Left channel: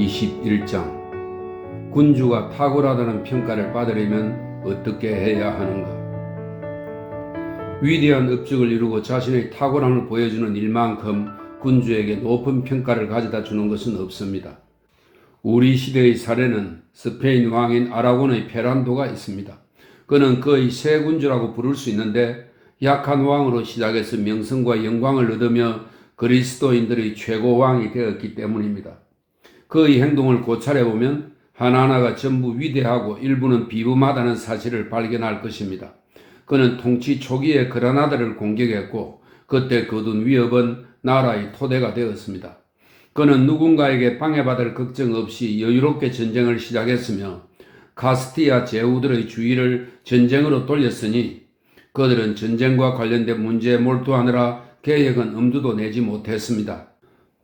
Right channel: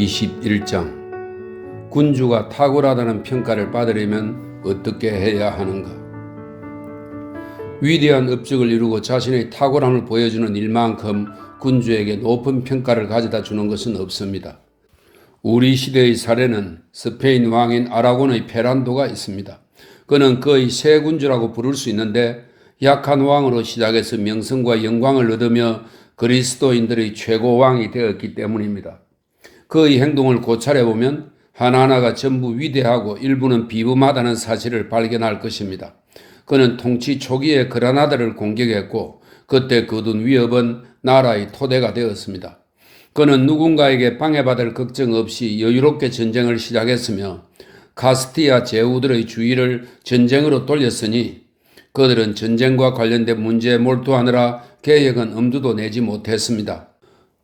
21장 군주가 탁월하다는 평가를 받으려면 어떻게 해야 하는가? 위대한 업적을 이루고 자신의 탁월함을 보여주는 일만큼 군주에게 높은 평가를 가져다 주는 것은 없습니다. 우리 시대의 사례는 스페인 왕인 아라곤의 페란도가 있습니다. 그는 거의 새 군주라고 부를 수 있는데 약한 왕으로 시작해서 명성과 영광을 얻으며 그리스도인들의 최고 왕이 되었기 때문입니다. 그의 행동을 고찰해보면 하나하나가 전부 위대하고 일부는 비범하다는 사실을 발견할 것입니다. 그는 통치 초기에 그라나다를 공격했고 그때 거둔 위협은 나라의 토대가 되었습니다. 그는 누군가에게 방해받을 걱정 없이 여유롭게 전쟁을 시작했으며 카스티아 제후들의 주의를 전쟁으로 돌렸으니 그들은 전쟁과 관련된 문제에 몰두하느라 계획은 엄두도 내지 못했습니다.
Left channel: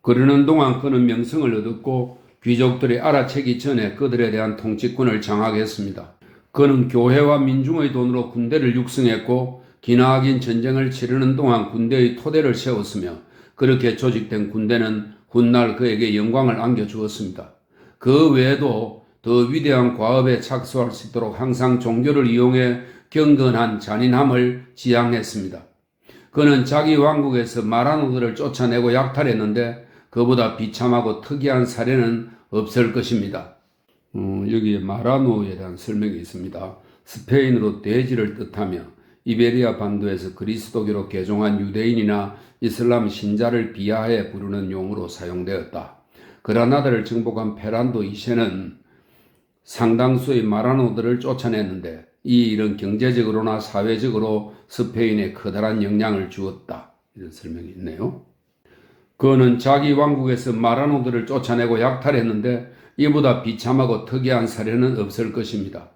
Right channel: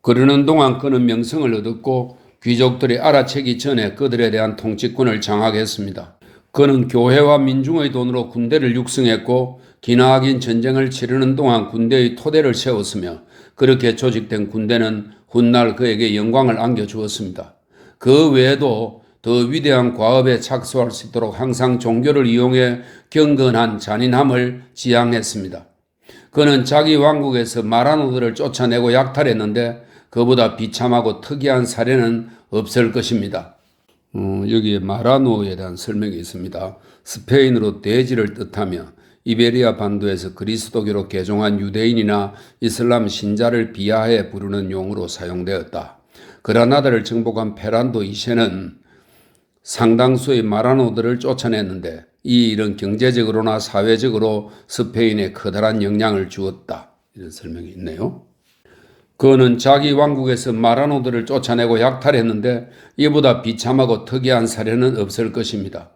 그러는 동안 그는 명성을 얻었고 귀족들이 알아채기 전에 그들에 대한 통치권을 장악했습니다. 그는 교회와 민중의 돈으로 군대를 육성했고 기나긴 전쟁을 치르는 동안 군대의 토대를 세웠으며 그렇게 조직된 군대는 훗날 그에게 영광을 안겨주었습니다. 그 외에도 더 위대한 과업에 착수할 수 있도록 항상 종교를 이용해 경건한 잔인함을 지향했습니다. 그는 자기 왕국에서 마라노들을 쫓아내고 약탈했는데 그보다 비참하고 특이한 사례는 없을 것입니다. 여기에 마라노에 대한 설명이 있습니다. 스페인어로 돼지를 뜻하며 이베리아 반도에서 그리스도교로 개종한 유대인이나 이슬람 신자를 비하해 부르는 용어로 사용되었다. 그라나다를 정복한 페란도 2세는 상당수의 마라노들을 쫓아냈는데 이 일은 경제적으로나 사회적으로 스페인에 커다란 영향을 주었다. 이런 설명이 있네요. 그는 자기 왕국에서 마라노들을 쫓아내고 약탈했는데 이보다 비참하고 특이한 사례는 없을 것입니다.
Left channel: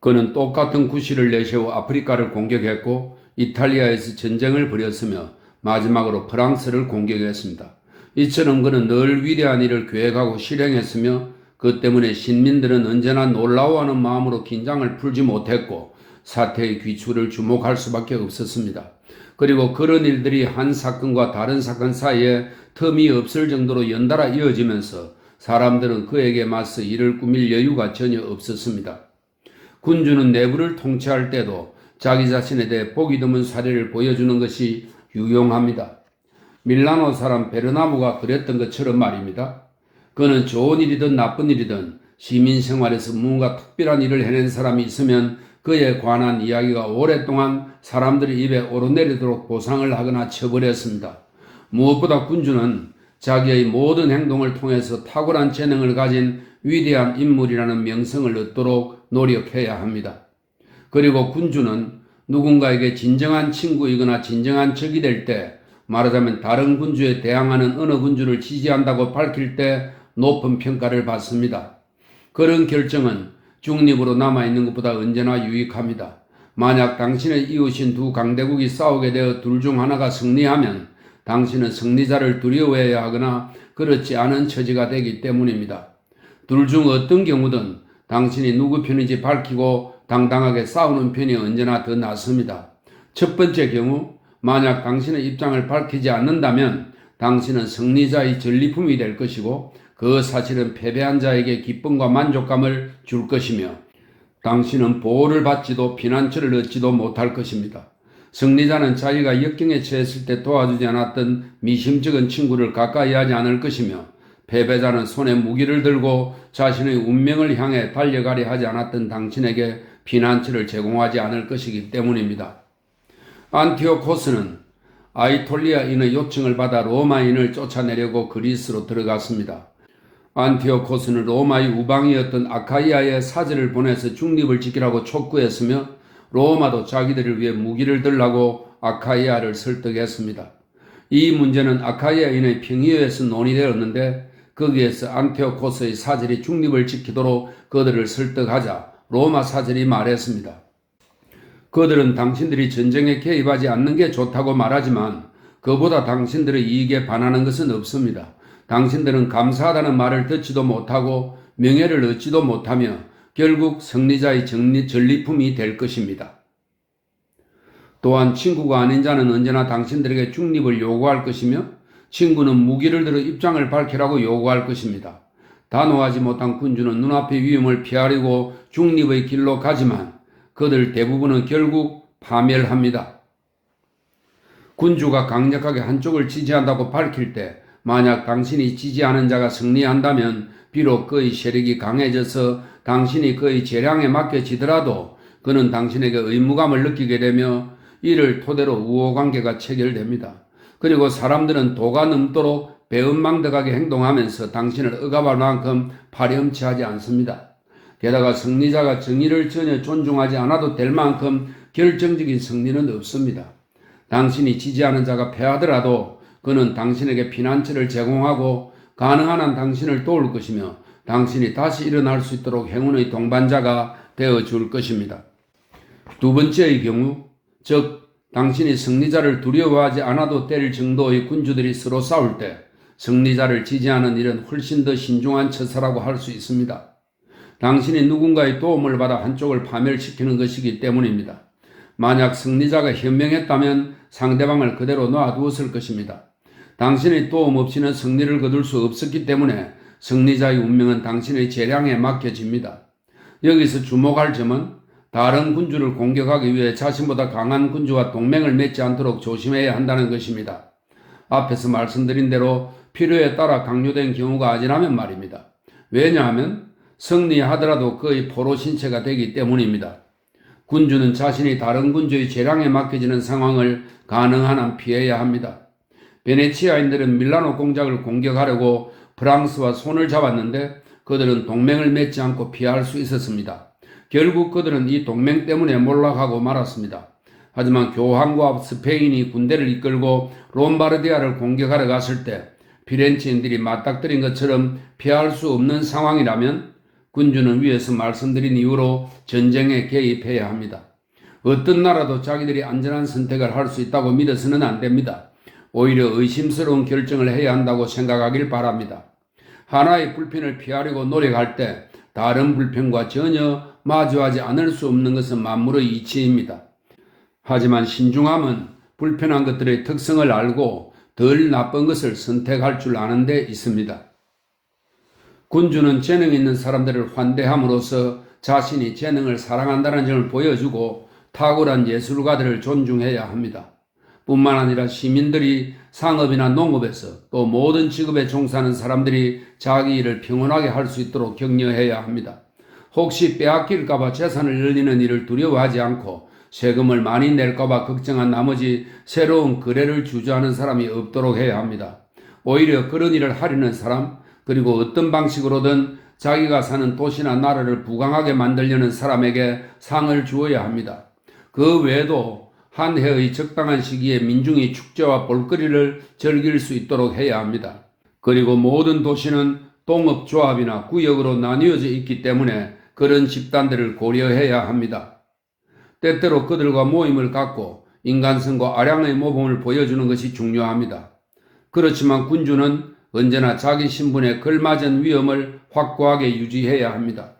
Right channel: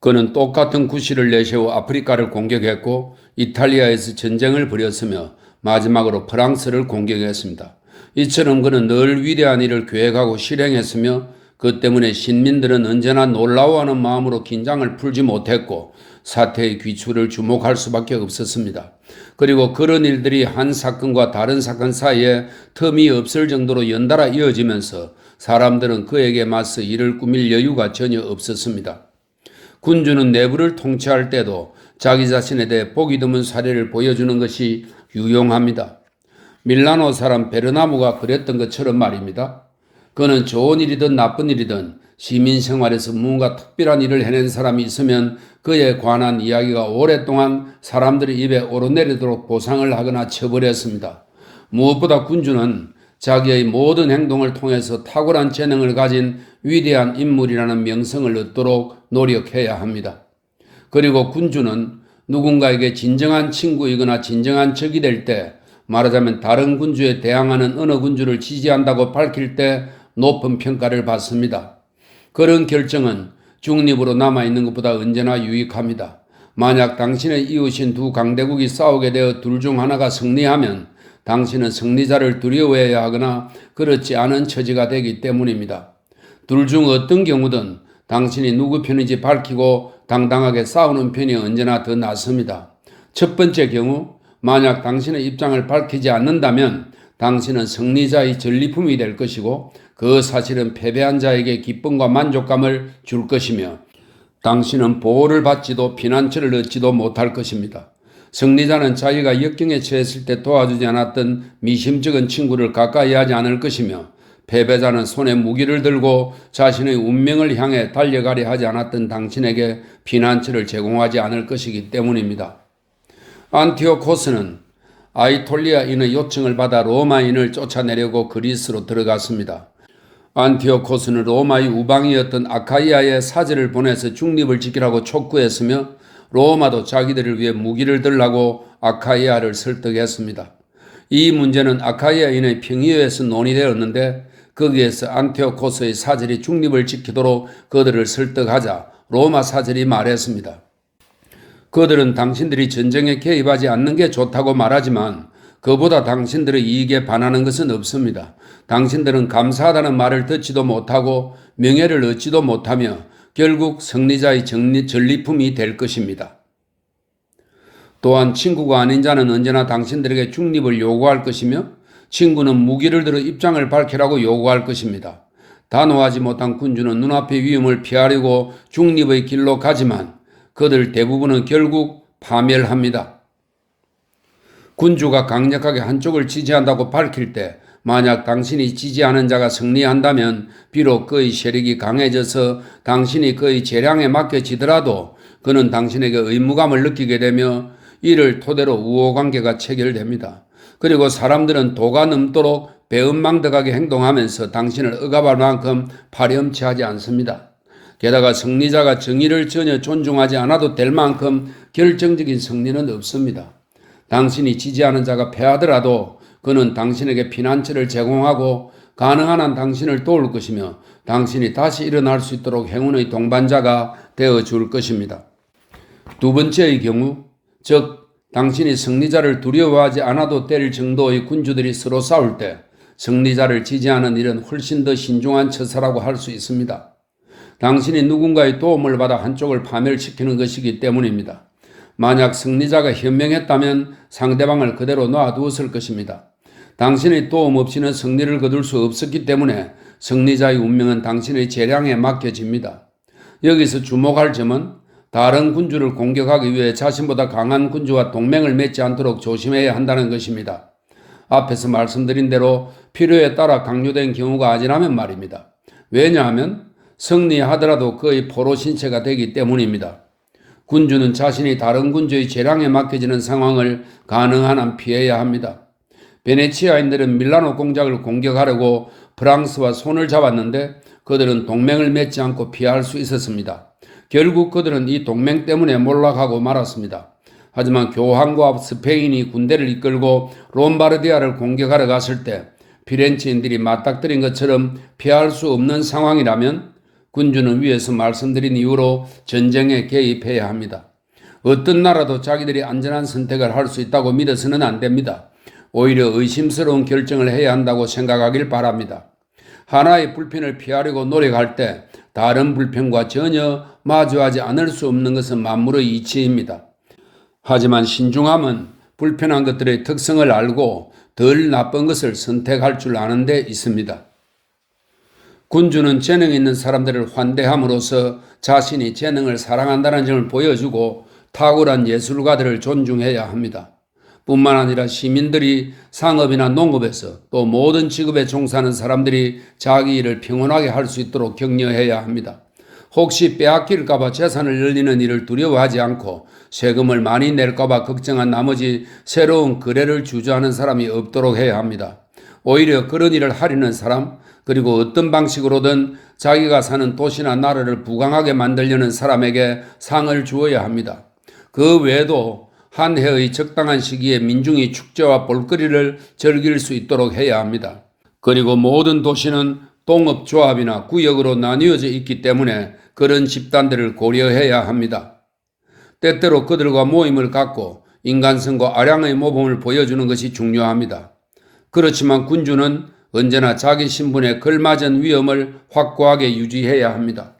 그는 똑같은 구실을 내세워 아프리카를 공격했고 이탈리아에서 전쟁을 벌였으며 마지막으로 프랑스를 공격했습니다. 이처럼 그는 늘 위대한 일을 계획하고 실행했으며 그 때문에 신민들은 언제나 놀라워하는 마음으로 긴장을 풀지 못했고 사태의 귀추를 주목할 수밖에 없었습니다. 그리고 그런 일들이 한 사건과 다른 사건 사이에 틈이 없을 정도로 연달아 이어지면서 사람들은 그에게 맞서 일을 꾸밀 여유가 전혀 없었습니다. 군주는 내부를 통치할 때도 자기 자신에 대해 보기 드문 사례를 보여주는 것이 유용합니다. 밀라노 사람 베르나무가 그랬던 것처럼 말입니다. 그는 좋은 일이든 나쁜 일이든 시민 생활에서 뭔가 특별한 일을 해낸 사람이 있으면 그에 관한 이야기가 오랫동안 사람들의 입에 오르내리도록 보상을 하거나 처벌했습니다. 무엇보다 군주는 자기의 모든 행동을 통해서 탁월한 재능을 가진 위대한 인물이라는 명성을 얻도록 노력해야 합니다. 그리고 군주는 누군가에게 진정한 친구이거나 진정한 적이 될 때, 말하자면 다른 군주에 대항하는 어느 군주를 지지한다고 밝힐 때 높은 평가를 받습니다. 그런 결정은 중립으로 남아있는 것보다 언제나 유익합니다. 만약 당신의 이웃인 두 강대국이 싸우게 되어 둘 중 하나가 승리하면 당신은 승리자를 두려워해야 하거나 그렇지 않은 처지가 되기 때문입니다. 둘 중 어떤 경우든 당신이 누구 편인지 밝히고 당당하게 싸우는 편이 언제나 더 낫습니다. 첫 번째 경우, 만약 당신의 입장을 밝히지 않는다면 당신은 승리자의 전리품이 될 것이고 그 사실은 패배한 자에게 기쁨과 만족감을 줄 것이며 당신은 보호를 받지도 피난처를 얻지도 못할 것입니다. 승리자는 자기가 역경에 처했을 때 도와주지 않았던 미심쩍은 친구를 가까이 하지 않을 것이며 패배자는 손에 무기를 들고 자신의 운명을 향해 달려가려 하지 않았던 당신에게 피난처를 제공하지 않을 것이기 때문입니다. 안티오코스는 아이톨리아인의 요청을 받아 로마인을 쫓아내려고 그리스로 들어갔습니다. 안티오코스는 로마의 우방이었던 아카이아에 사제를 보내서 중립을 지키라고 촉구했으며 로마도 자기들을 위해 무기를 들라고 아카이아를 설득했습니다. 이 문제는 아카이아인의 평의회에서 논의되었는데 거기에서 안티오코스의 사절이 중립을 지키도록 그들을 설득하자 로마 사절이 말했습니다. 그들은 당신들이 전쟁에 개입하지 않는 게 좋다고 말하지만 그보다 당신들의 이익에 반하는 것은 없습니다. 당신들은 감사하다는 말을 듣지도 못하고 명예를 얻지도 못하며 결국 승리자의 전리품이 될 것입니다. 또한 친구가 아닌 자는 언제나 당신들에게 중립을 요구할 것이며 친구는 무기를 들어 입장을 밝히라고 요구할 것입니다. 단호하지 못한 군주는 눈앞의 위험을 피하려고 중립의 길로 가지만 그들 대부분은 결국 파멸합니다. 군주가 강력하게 한쪽을 지지한다고 밝힐 때 만약 당신이 지지하는 자가 승리한다면 비록 그의 세력이 강해져서 당신이 그의 재량에 맡겨지더라도 그는 당신에게 의무감을 느끼게 되며 이를 토대로 우호관계가 체결됩니다. 그리고 사람들은 도가 넘도록 배은망덕하게 행동하면서 당신을 억압할 만큼 파렴치하지 않습니다. 게다가 승리자가 정의를 전혀 존중하지 않아도 될 만큼 결정적인 승리는 없습니다. 당신이 지지하는 자가 패하더라도 그는 당신에게 피난처를 제공하고 가능한 한 당신을 도울 것이며 당신이 다시 일어날 수 있도록 행운의 동반자가 되어줄 것입니다. 두 번째의 경우, 즉 당신이 승리자를 두려워하지 않아도 될 정도의 군주들이 서로 싸울 때 승리자를 지지하는 일은 훨씬 더 신중한 처사라고 할 수 있습니다. 당신이 누군가의 도움을 받아 한쪽을 파멸시키는 것이기 때문입니다. 만약 승리자가 현명했다면 상대방을 그대로 놔두었을 것입니다. 당신의 도움 없이는 승리를 거둘 수 없었기 때문에 승리자의 운명은 당신의 재량에 맡겨집니다. 여기서 주목할 점은 다른 군주를 공격하기 위해 자신보다 강한 군주와 동맹을 맺지 않도록 조심해야 한다는 것입니다. 앞에서 말씀드린 대로 필요에 따라 강요된 경우가 아니라면 말입니다. 왜냐하면 승리하더라도 그의 포로 신체가 되기 때문입니다. 군주는 자신이 다른 군주의 재량에 맡겨지는 상황을 가능한 한 피해야 합니다. 베네치아인들은 밀라노 공작을 공격하려고 프랑스와 손을 잡았는데 그들은 동맹을 맺지 않고 피할 수 있었습니다. 결국 그들은 이 동맹 때문에 몰락하고 말았습니다. 하지만 교황과 스페인이 군대를 이끌고 롬바르디아를 공격하러 갔을 때 피렌체인들이 맞닥뜨린 것처럼 피할 수 없는 상황이라면 군주는 위에서 말씀드린 이유로 전쟁에 개입해야 합니다. 어떤 나라도 자기들이 안전한 선택을 할 수 있다고 믿어서는 안 됩니다. 오히려 의심스러운 결정을 해야 한다고 생각하길 바랍니다. 하나의 불편을 피하려고 노력할 때 다른 불편과 전혀 마주하지 않을 수 없는 것은 만물의 이치입니다. 하지만 신중함은 불편한 것들의 특성을 알고 덜 나쁜 것을 선택할 줄 아는 데 있습니다. 군주는 재능 있는 사람들을 환대함으로써 자신이 재능을 사랑한다는 점을 보여주고 탁월한 예술가들을 존중해야 합니다. 뿐만 아니라 시민들이 상업이나 농업에서 또 모든 직업에 종사하는 사람들이 자기 일을 평온하게 할 수 있도록 격려해야 합니다. 혹시 빼앗길까봐 재산을 늘리는 일을 두려워하지 않고 세금을 많이 낼까봐 걱정한 나머지 새로운 거래를 주저하는 사람이 없도록 해야 합니다. 오히려 그런 일을 하려는 사람, 그리고 어떤 방식으로든 자기가 사는 도시나 나라를 부강하게 만들려는 사람에게 상을 주어야 합니다. 그 외에도 한 해의 적당한 시기에 민중이 축제와 볼거리를 즐길 수 있도록 해야 합니다. 그리고 모든 도시는 동업조합이나 구역으로 나뉘어져 있기 때문에 그런 집단들을 고려해야 합니다. 때때로 그들과 모임을 갖고 인간성과 아량의 모범을 보여주는 것이 중요합니다. 그렇지만 군주는 언제나 자기 신분에 걸맞은 위엄을 확고하게 유지해야 합니다.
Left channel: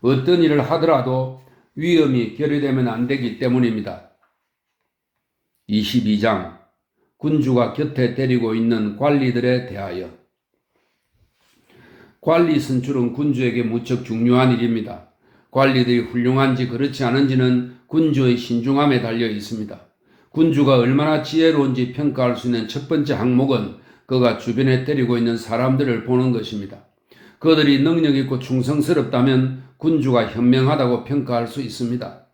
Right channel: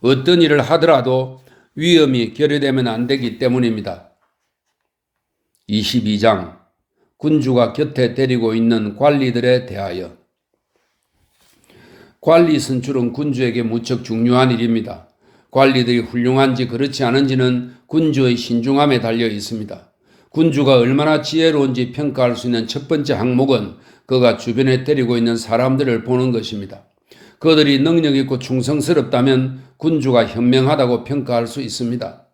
어떤 일을 하더라도 위엄이 결여되면 안 되기 때문입니다. 22장 군주가 곁에 데리고 있는 관리들에 대하여. 관리 선출은 군주에게 무척 중요한 일입니다. 관리들이 훌륭한지 그렇지 않은지는 군주의 신중함에 달려 있습니다. 군주가 얼마나 지혜로운지 평가할 수 있는 첫 번째 항목은 그가 주변에 데리고 있는 사람들을 보는 것입니다. 그들이 능력 있고 충성스럽다면 군주가 현명하다고 평가할 수 있습니다.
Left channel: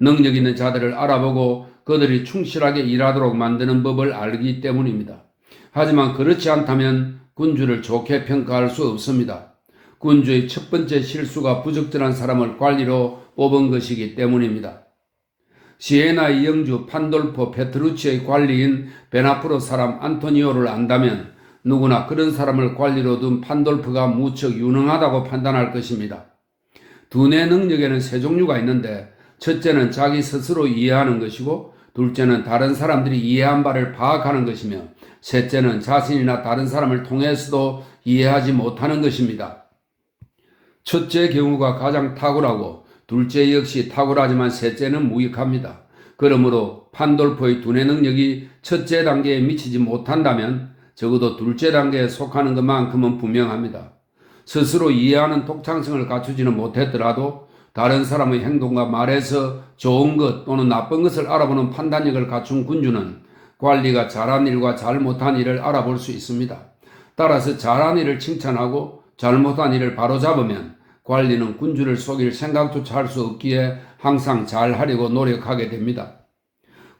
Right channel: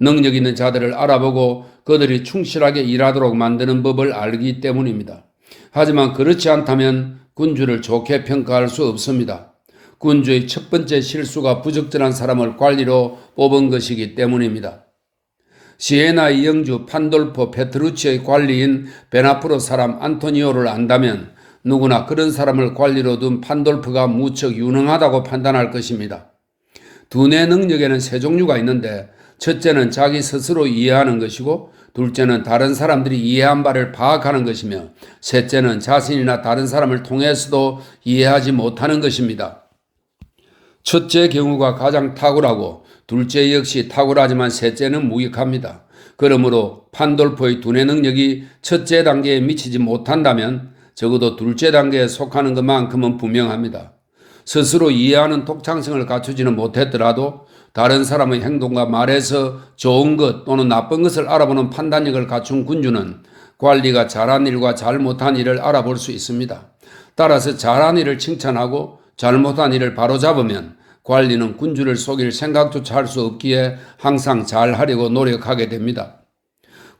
능력 있는 자들을 알아보고 그들이 충실하게 일하도록 만드는 법을 알기 때문입니다. 하지만 그렇지 않다면 군주를 좋게 평가할 수 없습니다. 군주의 첫 번째 실수가 부적절한 사람을 관리로 뽑은 것이기 때문입니다. 시에나의 영주 판돌포 페트루치의 관리인 베나프로 사람 안토니오를 안다면 누구나 그런 사람을 관리로 둔 판돌프가 무척 유능하다고 판단할 것입니다. 두뇌 능력에는 세 종류가 있는데 첫째는 자기 스스로 이해하는 것이고 둘째는 다른 사람들이 이해한 바를 파악하는 것이며 셋째는 자신이나 다른 사람을 통해서도 이해하지 못하는 것입니다. 첫째 경우가 가장 탁월하고 둘째 역시 탁월하지만 셋째는 무익합니다. 그러므로 판돌포의 두뇌 능력이 첫째 단계에 미치지 못한다면 적어도 둘째 단계에 속하는 것만큼은 분명합니다. 스스로 이해하는 독창성을 갖추지는 못했더라도 다른 사람의 행동과 말에서 좋은 것 또는 나쁜 것을 알아보는 판단력을 갖춘 군주는 관리가 잘한 일과 잘못한 일을 알아볼 수 있습니다. 따라서 잘한 일을 칭찬하고 잘못한 일을 바로잡으면 관리는 군주를 속일 생각조차 할 수 없기에 항상 잘하려고 노력하게 됩니다.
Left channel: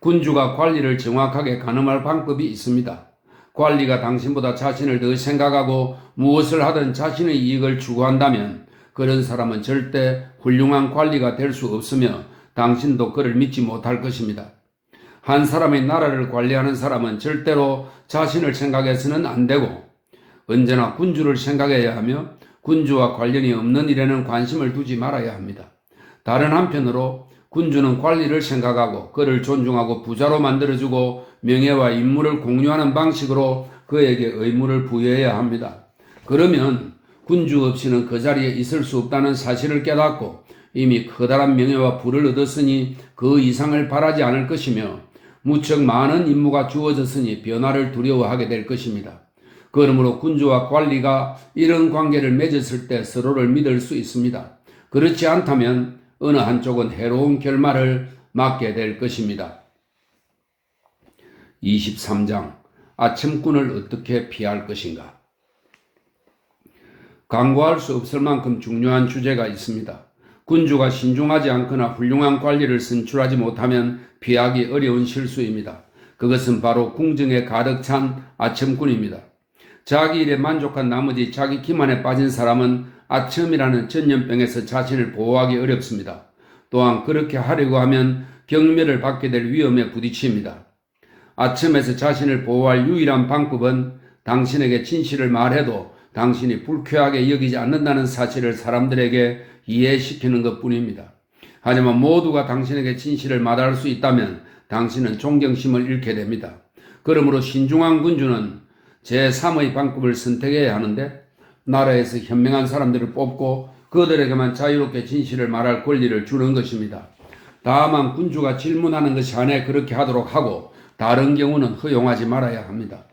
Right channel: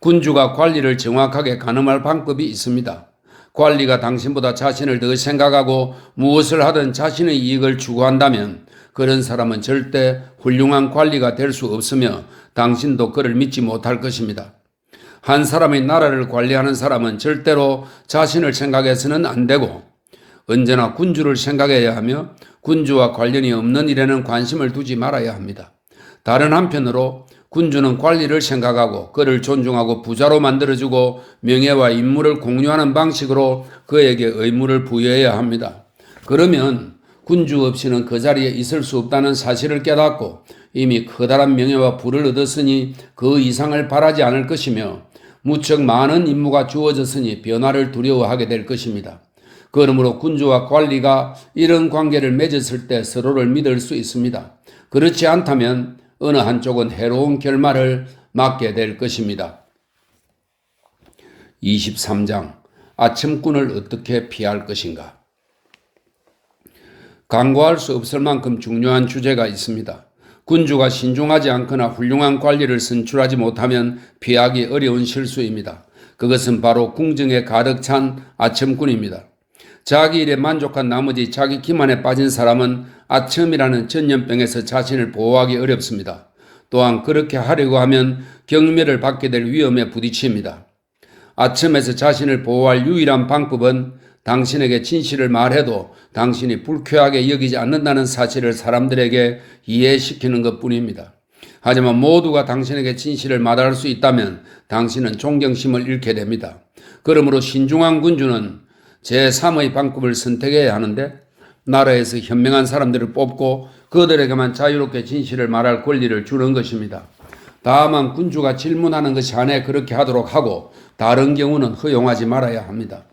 군주가 관리를 정확하게 가늠할 방법이 있습니다. 관리가 당신보다 자신을 더 생각하고 무엇을 하든 자신의 이익을 추구한다면 그런 사람은 절대 훌륭한 관리가 될 수 없으며 당신도 그를 믿지 못할 것입니다. 한 사람의 나라를 관리하는 사람은 절대로 자신을 생각해서는 안 되고 언제나 군주를 생각해야 하며 군주와 관련이 없는 일에는 관심을 두지 말아야 합니다. 다른 한편으로 군주는 관리를 생각하고 그를 존중하고 부자로 만들어주고 명예와 임무를 공유하는 방식으로 그에게 의무를 부여해야 합니다. 그러면 군주 없이는 그 자리에 있을 수 없다는 사실을 깨닫고 이미 커다란 명예와 부를 얻었으니 그 이상을 바라지 않을 것이며 무척 많은 임무가 주어졌으니 변화를 두려워하게 될 것입니다. 그러므로 군주와 관리가 이런 관계를 맺었을 때 서로를 믿을 수 있습니다. 그렇지 않다면 어느 한쪽은 해로운 결말을 맞게 될 것입니다. 23장 아첨꾼을 어떻게 피할 것인가. 간과할 수 없을 만큼 중요한 주제가 있습니다. 군주가 신중하지 않거나 훌륭한 관리를 선출하지 못하면 피하기 어려운 실수입니다. 그것은 바로 궁정에 가득 찬 아첨꾼입니다. 자기 일에 만족한 나머지 자기 기만에 빠진 사람은 아첨이라는 전염병에서 자신을 보호하기 어렵습니다. 또한 그렇게 하려고 하면 경멸을 받게 될 위험에 부딪힙니다. 아첨에서 자신을 보호할 유일한 방법은 당신에게 진실을 말해도 당신이 불쾌하게 여기지 않는다는 사실을 사람들에게 이해시키는 것뿐입니다. 하지만 모두가 당신에게 진실을 말할 수 있다면 당신은 존경심을 잃게 됩니다. 그러므로 신중한 군주는 제3의 방법을 선택해야 하는데 나라에서 현명한 사람들을 뽑고 그들에게만 자유롭게 진실을 말할 권리를 주는 것입니다. 다만 군주가 질문하는 것이 안에 그렇게 하도록 하고 다른 경우는 허용하지 말아야 합니다.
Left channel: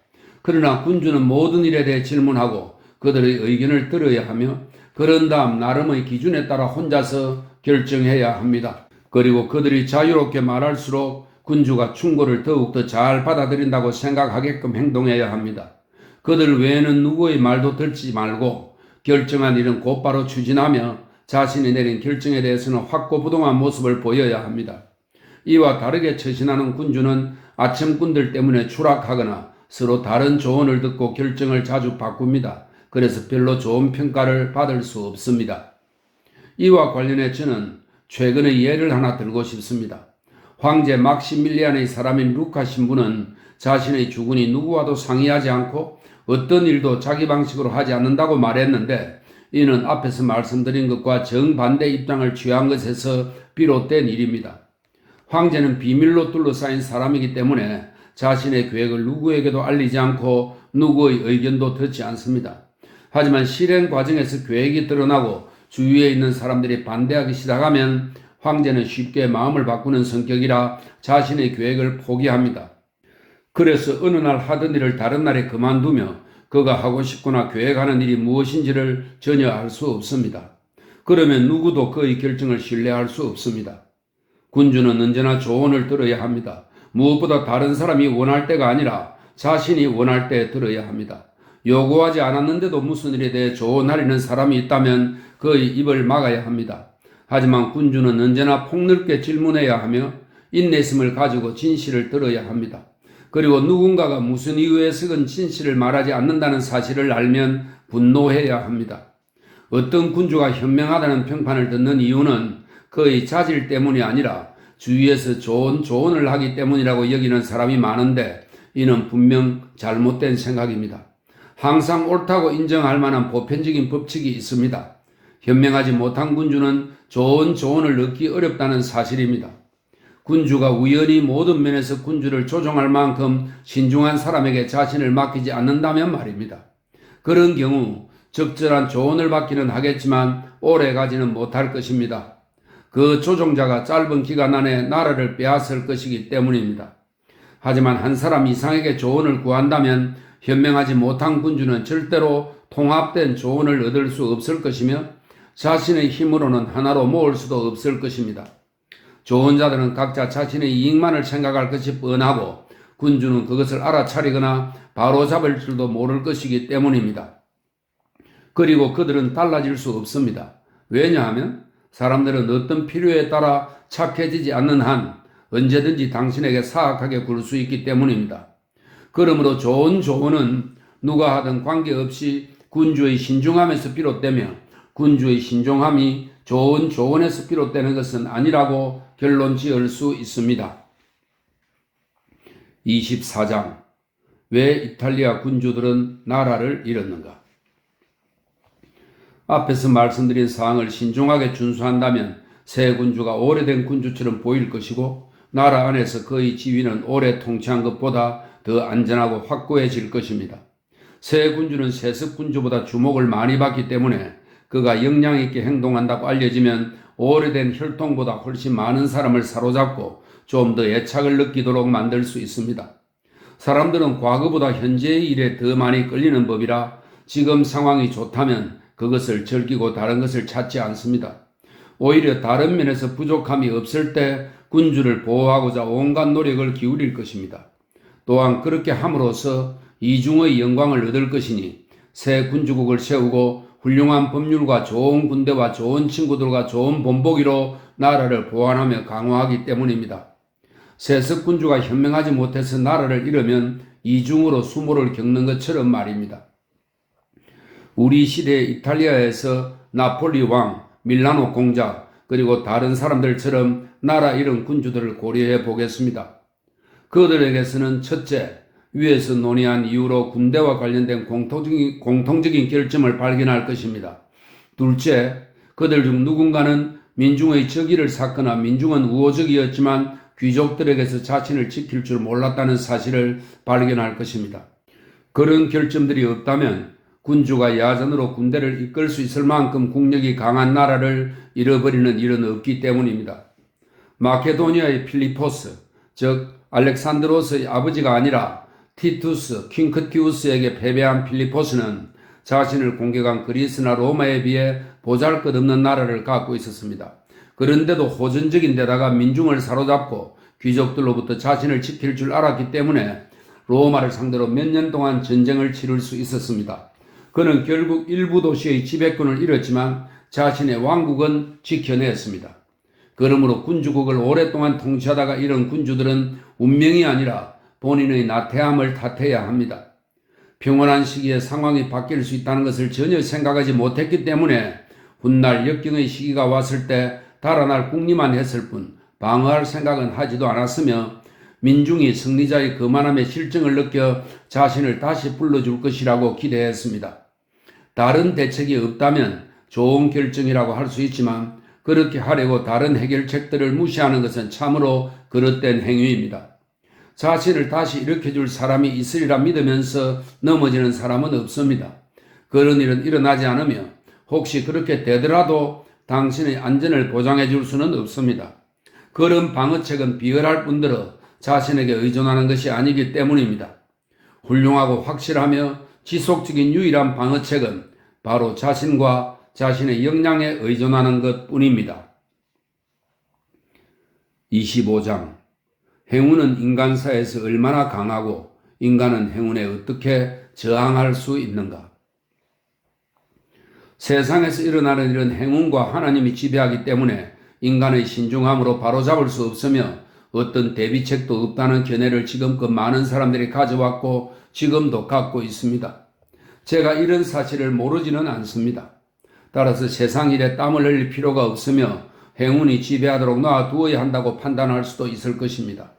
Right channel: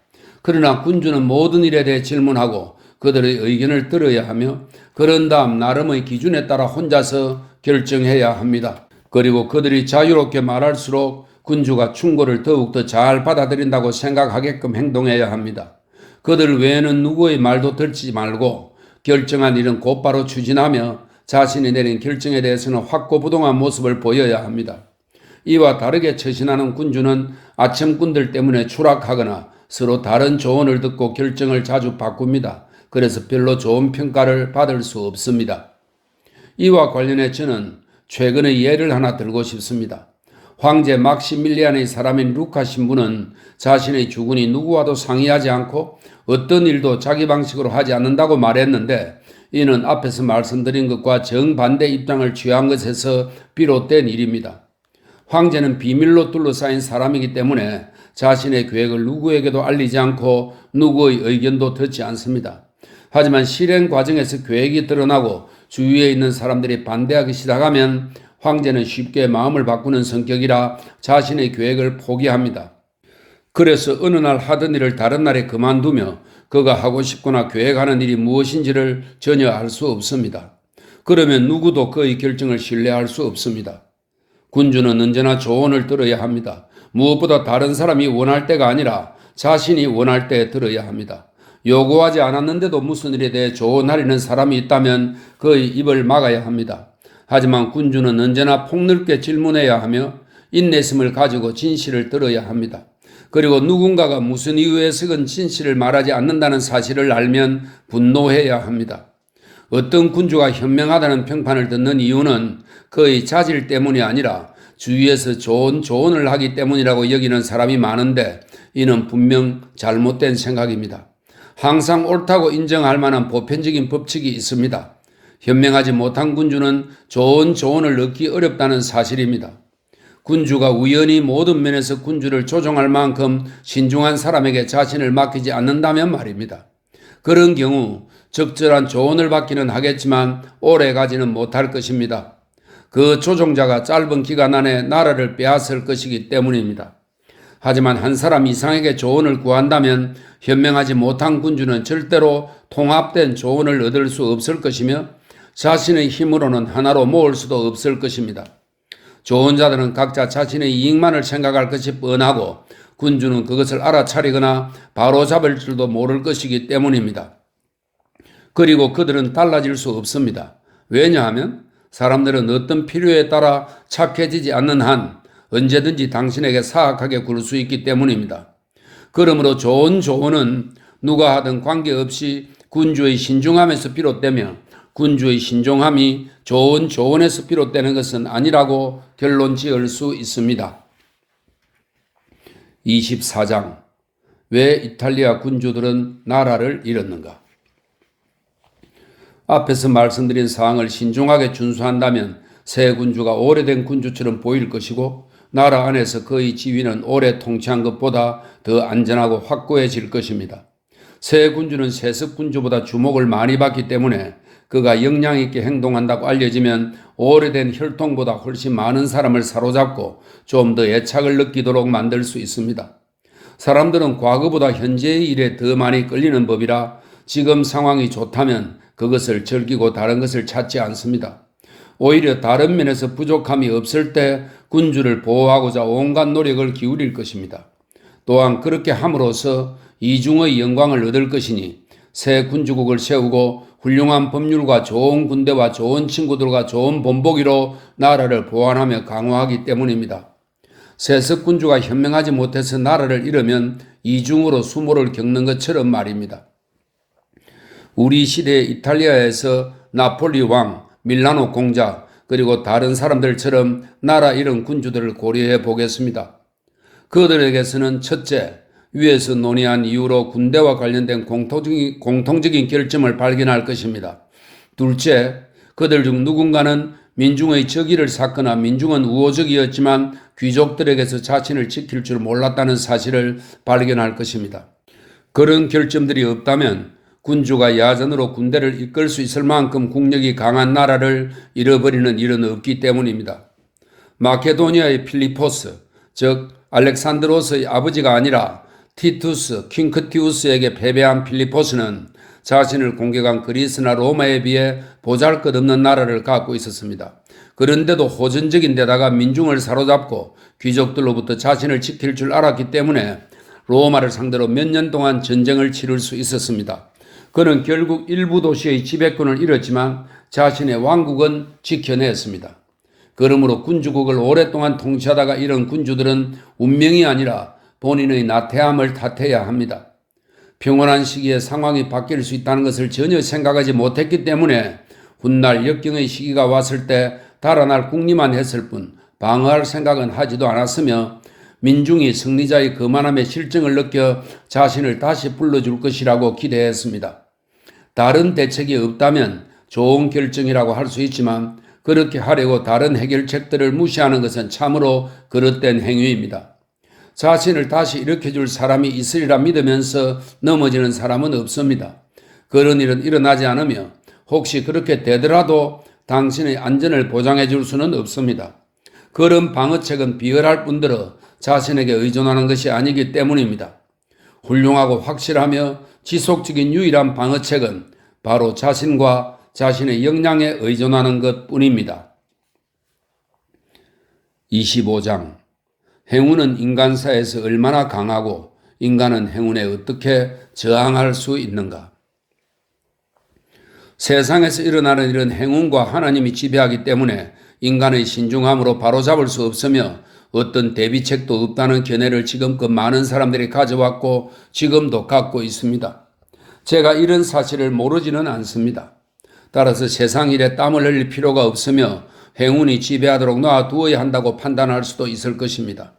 그러나 군주는 모든 일에 대해 질문하고 그들의 의견을 들어야 하며 그런 다음 나름의 기준에 따라 혼자서 결정해야 합니다. 그리고 그들이 자유롭게 말할수록 군주가 충고를 더욱더 잘 받아들인다고 생각하게끔 행동해야 합니다. 그들 외에는 누구의 말도 듣지 말고 결정한 일은 곧바로 추진하며 자신이 내린 결정에 대해서는 확고부동한 모습을 보여야 합니다. 이와 다르게 처신하는 군주는 아첨꾼들 때문에 추락하거나 서로 다른 조언을 듣고 결정을 자주 바꿉니다. 그래서 별로 좋은 평가를 받을 수 없습니다. 이와 관련해 저는 최근의 예를 하나 들고 싶습니다. 황제 막시밀리안의 사람인 루카 신부는 자신의 주군이 누구와도 상의하지 않고 어떤 일도 자기 방식으로 하지 않는다고 말했는데 이는 앞에서 말씀드린 것과 정반대 입장을 취한 것에서 비롯된 일입니다. 황제는 비밀로 둘러싸인 사람이기 때문에 자신의 계획을 누구에게도 알리지 않고 누구의 의견도 듣지 않습니다. 하지만 실행 과정에서 계획이 드러나고 주위에 있는 사람들이 반대하기 시작하면 황제는 쉽게 마음을 바꾸는 성격이라 자신의 계획을 포기합니다. 그래서 어느 날 하던 일을 다른 날에 그만두며 그가 하고 싶거나 계획하는 일이 무엇인지를 전혀 알 수 없습니다. 그러면 누구도 그의 결정을 신뢰할 수 없습니다. 군주는 언제나 조언을 들어야 합니다. 무엇보다 다른 사람이 원할 때가 아니라 자신이 원할 때 들어야 합니다. 요구하지 않았는데도 무슨 일에 대해 조언하려는 사람이 있다면 그의 입을 막아야 합니다. 하지만 군주는 언제나 폭넓게 질문해야 하며 인내심을 가지고 진실을 들어야 합니다. 그리고 누군가가 무슨 이유에서건 진실을 말하지 않는다는 사실을 알면 분노해야 합니다. 어떤 군주가 현명하다는 평판을 듣는 이유는 그의 자질 때문이 아니라 주위에서 좋은 조언을 하기 때문이라고 여기는 사람이 많은데 이는 분명 잘못된 생각입니다. 항상 옳다고 인정할 만한 보편적인 법칙이 있습니다. 현명하지 못한 군주는 좋은 조언을 얻기 어렵다는 사실입니다. 군주가 우연히 모든 면에서 군주를 조종할 만큼 신중한 사람에게 자신을 맡기지 않는다면 말입니다. 그런 경우 적절한 조언을 받기는 하겠지만 오래 가지는 못할 것입니다. 그 조종자가 짧은 기간 안에 나라를 빼앗을 것이기 때문입니다. 하지만 한 사람 이상에게 조언을 구한다면 현명하지 못한 군주는 절대로 통합된 조언을 얻을 수 없을 것이며 자신의 힘으로는 하나로 모을 수도 없을 것입니다. 조언자들은 각자 자신의 이익만을 생각할 것이 뻔하고 군주는 그것을 알아차리거나 바로잡을 줄도 모를 것이기 때문입니다. 그리고 그들은 달라질 수 없습니다. 왜냐하면 사람들은 어떤 필요에 따라 착해지지 않는 한 언제든지 당신에게 사악하게 굴 수 있기 때문입니다. 그러므로 좋은 조언은 누가 하든 관계없이 군주의 신중함에서 비롯되며 군주의 신중함이 좋은 조언에서 비롯되는 것은 아니라고 결론 지을 수 있습니다. 24장. 왜 이탈리아 군주들은 나라를 잃었는가? 앞에서 말씀드린 사항을 신중하게 준수한다면 새 군주가 오래된 군주처럼 보일 것이고 나라 안에서 그의 지위는 오래 통치한 것보다 더 안전하고 확고해질 것입니다. 새 군주는 세습 군주보다 주목을 많이 받기 때문에 그가 역량 있게 행동한다고 알려지면 오래된 혈통보다 훨씬 많은 사람을 사로잡고 좀 더 애착을 느끼도록 만들 수 있습니다. 사람들은 과거보다 현재의 일에 더 많이 끌리는 법이라 지금 상황이 좋다면 그것을 즐기고 다른 것을 찾지 않습니다. 오히려 다른 면에서 부족함이 없을 때 군주를 보호하고자 온갖 노력을 기울일 것입니다. 또한 그렇게 함으로써 이중의 영광을 얻을 것이니 새 군주국을 세우고 훌륭한 법률과 좋은 군대와 좋은 친구들과 좋은 본보기로 나라를 보완하며 강화하기 때문입니다. 세습 군주가 현명하지 못해서 나라를 잃으면 이중으로 수모를 겪는 것처럼 말입니다. 우리 시대 이탈리아에서 나폴리 왕, 밀라노 공작, 그리고 다른 사람들처럼 나라 잃은 군주들을 고려해 보겠습니다. 그들에게서는 첫째, 위에서 논의한 이유로 군대와 관련된 공통적인 결점을 발견할 것입니다. 둘째, 그들 중 누군가는 민중의 적의를 샀거나 민중은 우호적이었지만 귀족들에게서 자신을 지킬 줄 몰랐다는 사실을 발견할 것입니다. 그런 결점들이 없다면 군주가 야전으로 군대를 이끌 수 있을 만큼 국력이 강한 나라를 잃어버리는 일은 없기 때문입니다. 마케도니아의 필리포스, 즉 알렉산드로스의 아버지가 아니라 티투스, 킹크티우스에게 패배한 필리포스는 자신을 공격한 그리스나 로마에 비해 보잘것없는 나라를 갖고 있었습니다. 그런데도 호전적인 데다가 민중을 사로잡고 귀족들로부터 자신을 지킬 줄 알았기 때문에 로마를 상대로 몇 년 동안 전쟁을 치를 수 있었습니다. 그는 결국 일부 도시의 지배권을 잃었지만 자신의 왕국은 지켜냈습니다. 그러므로 군주국을 오랫동안 통치하다가 이런 군주들은 운명이 아니라 본인의 나태함을 탓해야 합니다. 평온한 시기에 상황이 바뀔 수 있다는 것을 전혀 생각하지 못했기 때문에 훗날 역경의 시기가 왔을 때 달아날 궁리만 했을 뿐 방어할 생각은 하지도 않았으며 민중이 승리자의 거만함의 실정을 느껴 자신을 다시 불러줄 것이라고 기대했습니다. 다른 대책이 없다면 좋은 결정이라고 할 수 있지만 그렇게 하려고 다른 해결책들을 무시하는 것은 참으로 그릇된 행위입니다. 자신을 다시 일으켜줄 사람이 있으리라 믿으면서 넘어지는 사람은 없습니다. 그런 일은 일어나지 않으며 혹시 그렇게 되더라도 당신의 안전을 보장해 줄 수는 없습니다. 그런 방어책은 비열할 뿐더러 자신에게 의존하는 것이 아니기 때문입니다. 훌륭하고 확실하며 지속적인 유일한 방어책은 바로 자신과 자신의 역량에 의존하는 것 뿐입니다. 25장. 행운은 인간사에서 얼마나 강하고 인간은 행운에 어떻게 저항할 수 있는가? 세상에서 일어나는 일은 행운과 하나님이 지배하기 때문에 인간의 신중함으로 바로잡을 수 없으며 어떤 대비책도 없다는 견해를 지금껏 많은 사람들이 가져왔고 지금도 갖고 있습니다. 제가 이런 사실을 모르지는 않습니다. 따라서 세상 일에 땀을 흘릴 필요가 없으며 행운이 지배하도록 놔두어야 한다고 판단할 수도 있을 것입니다.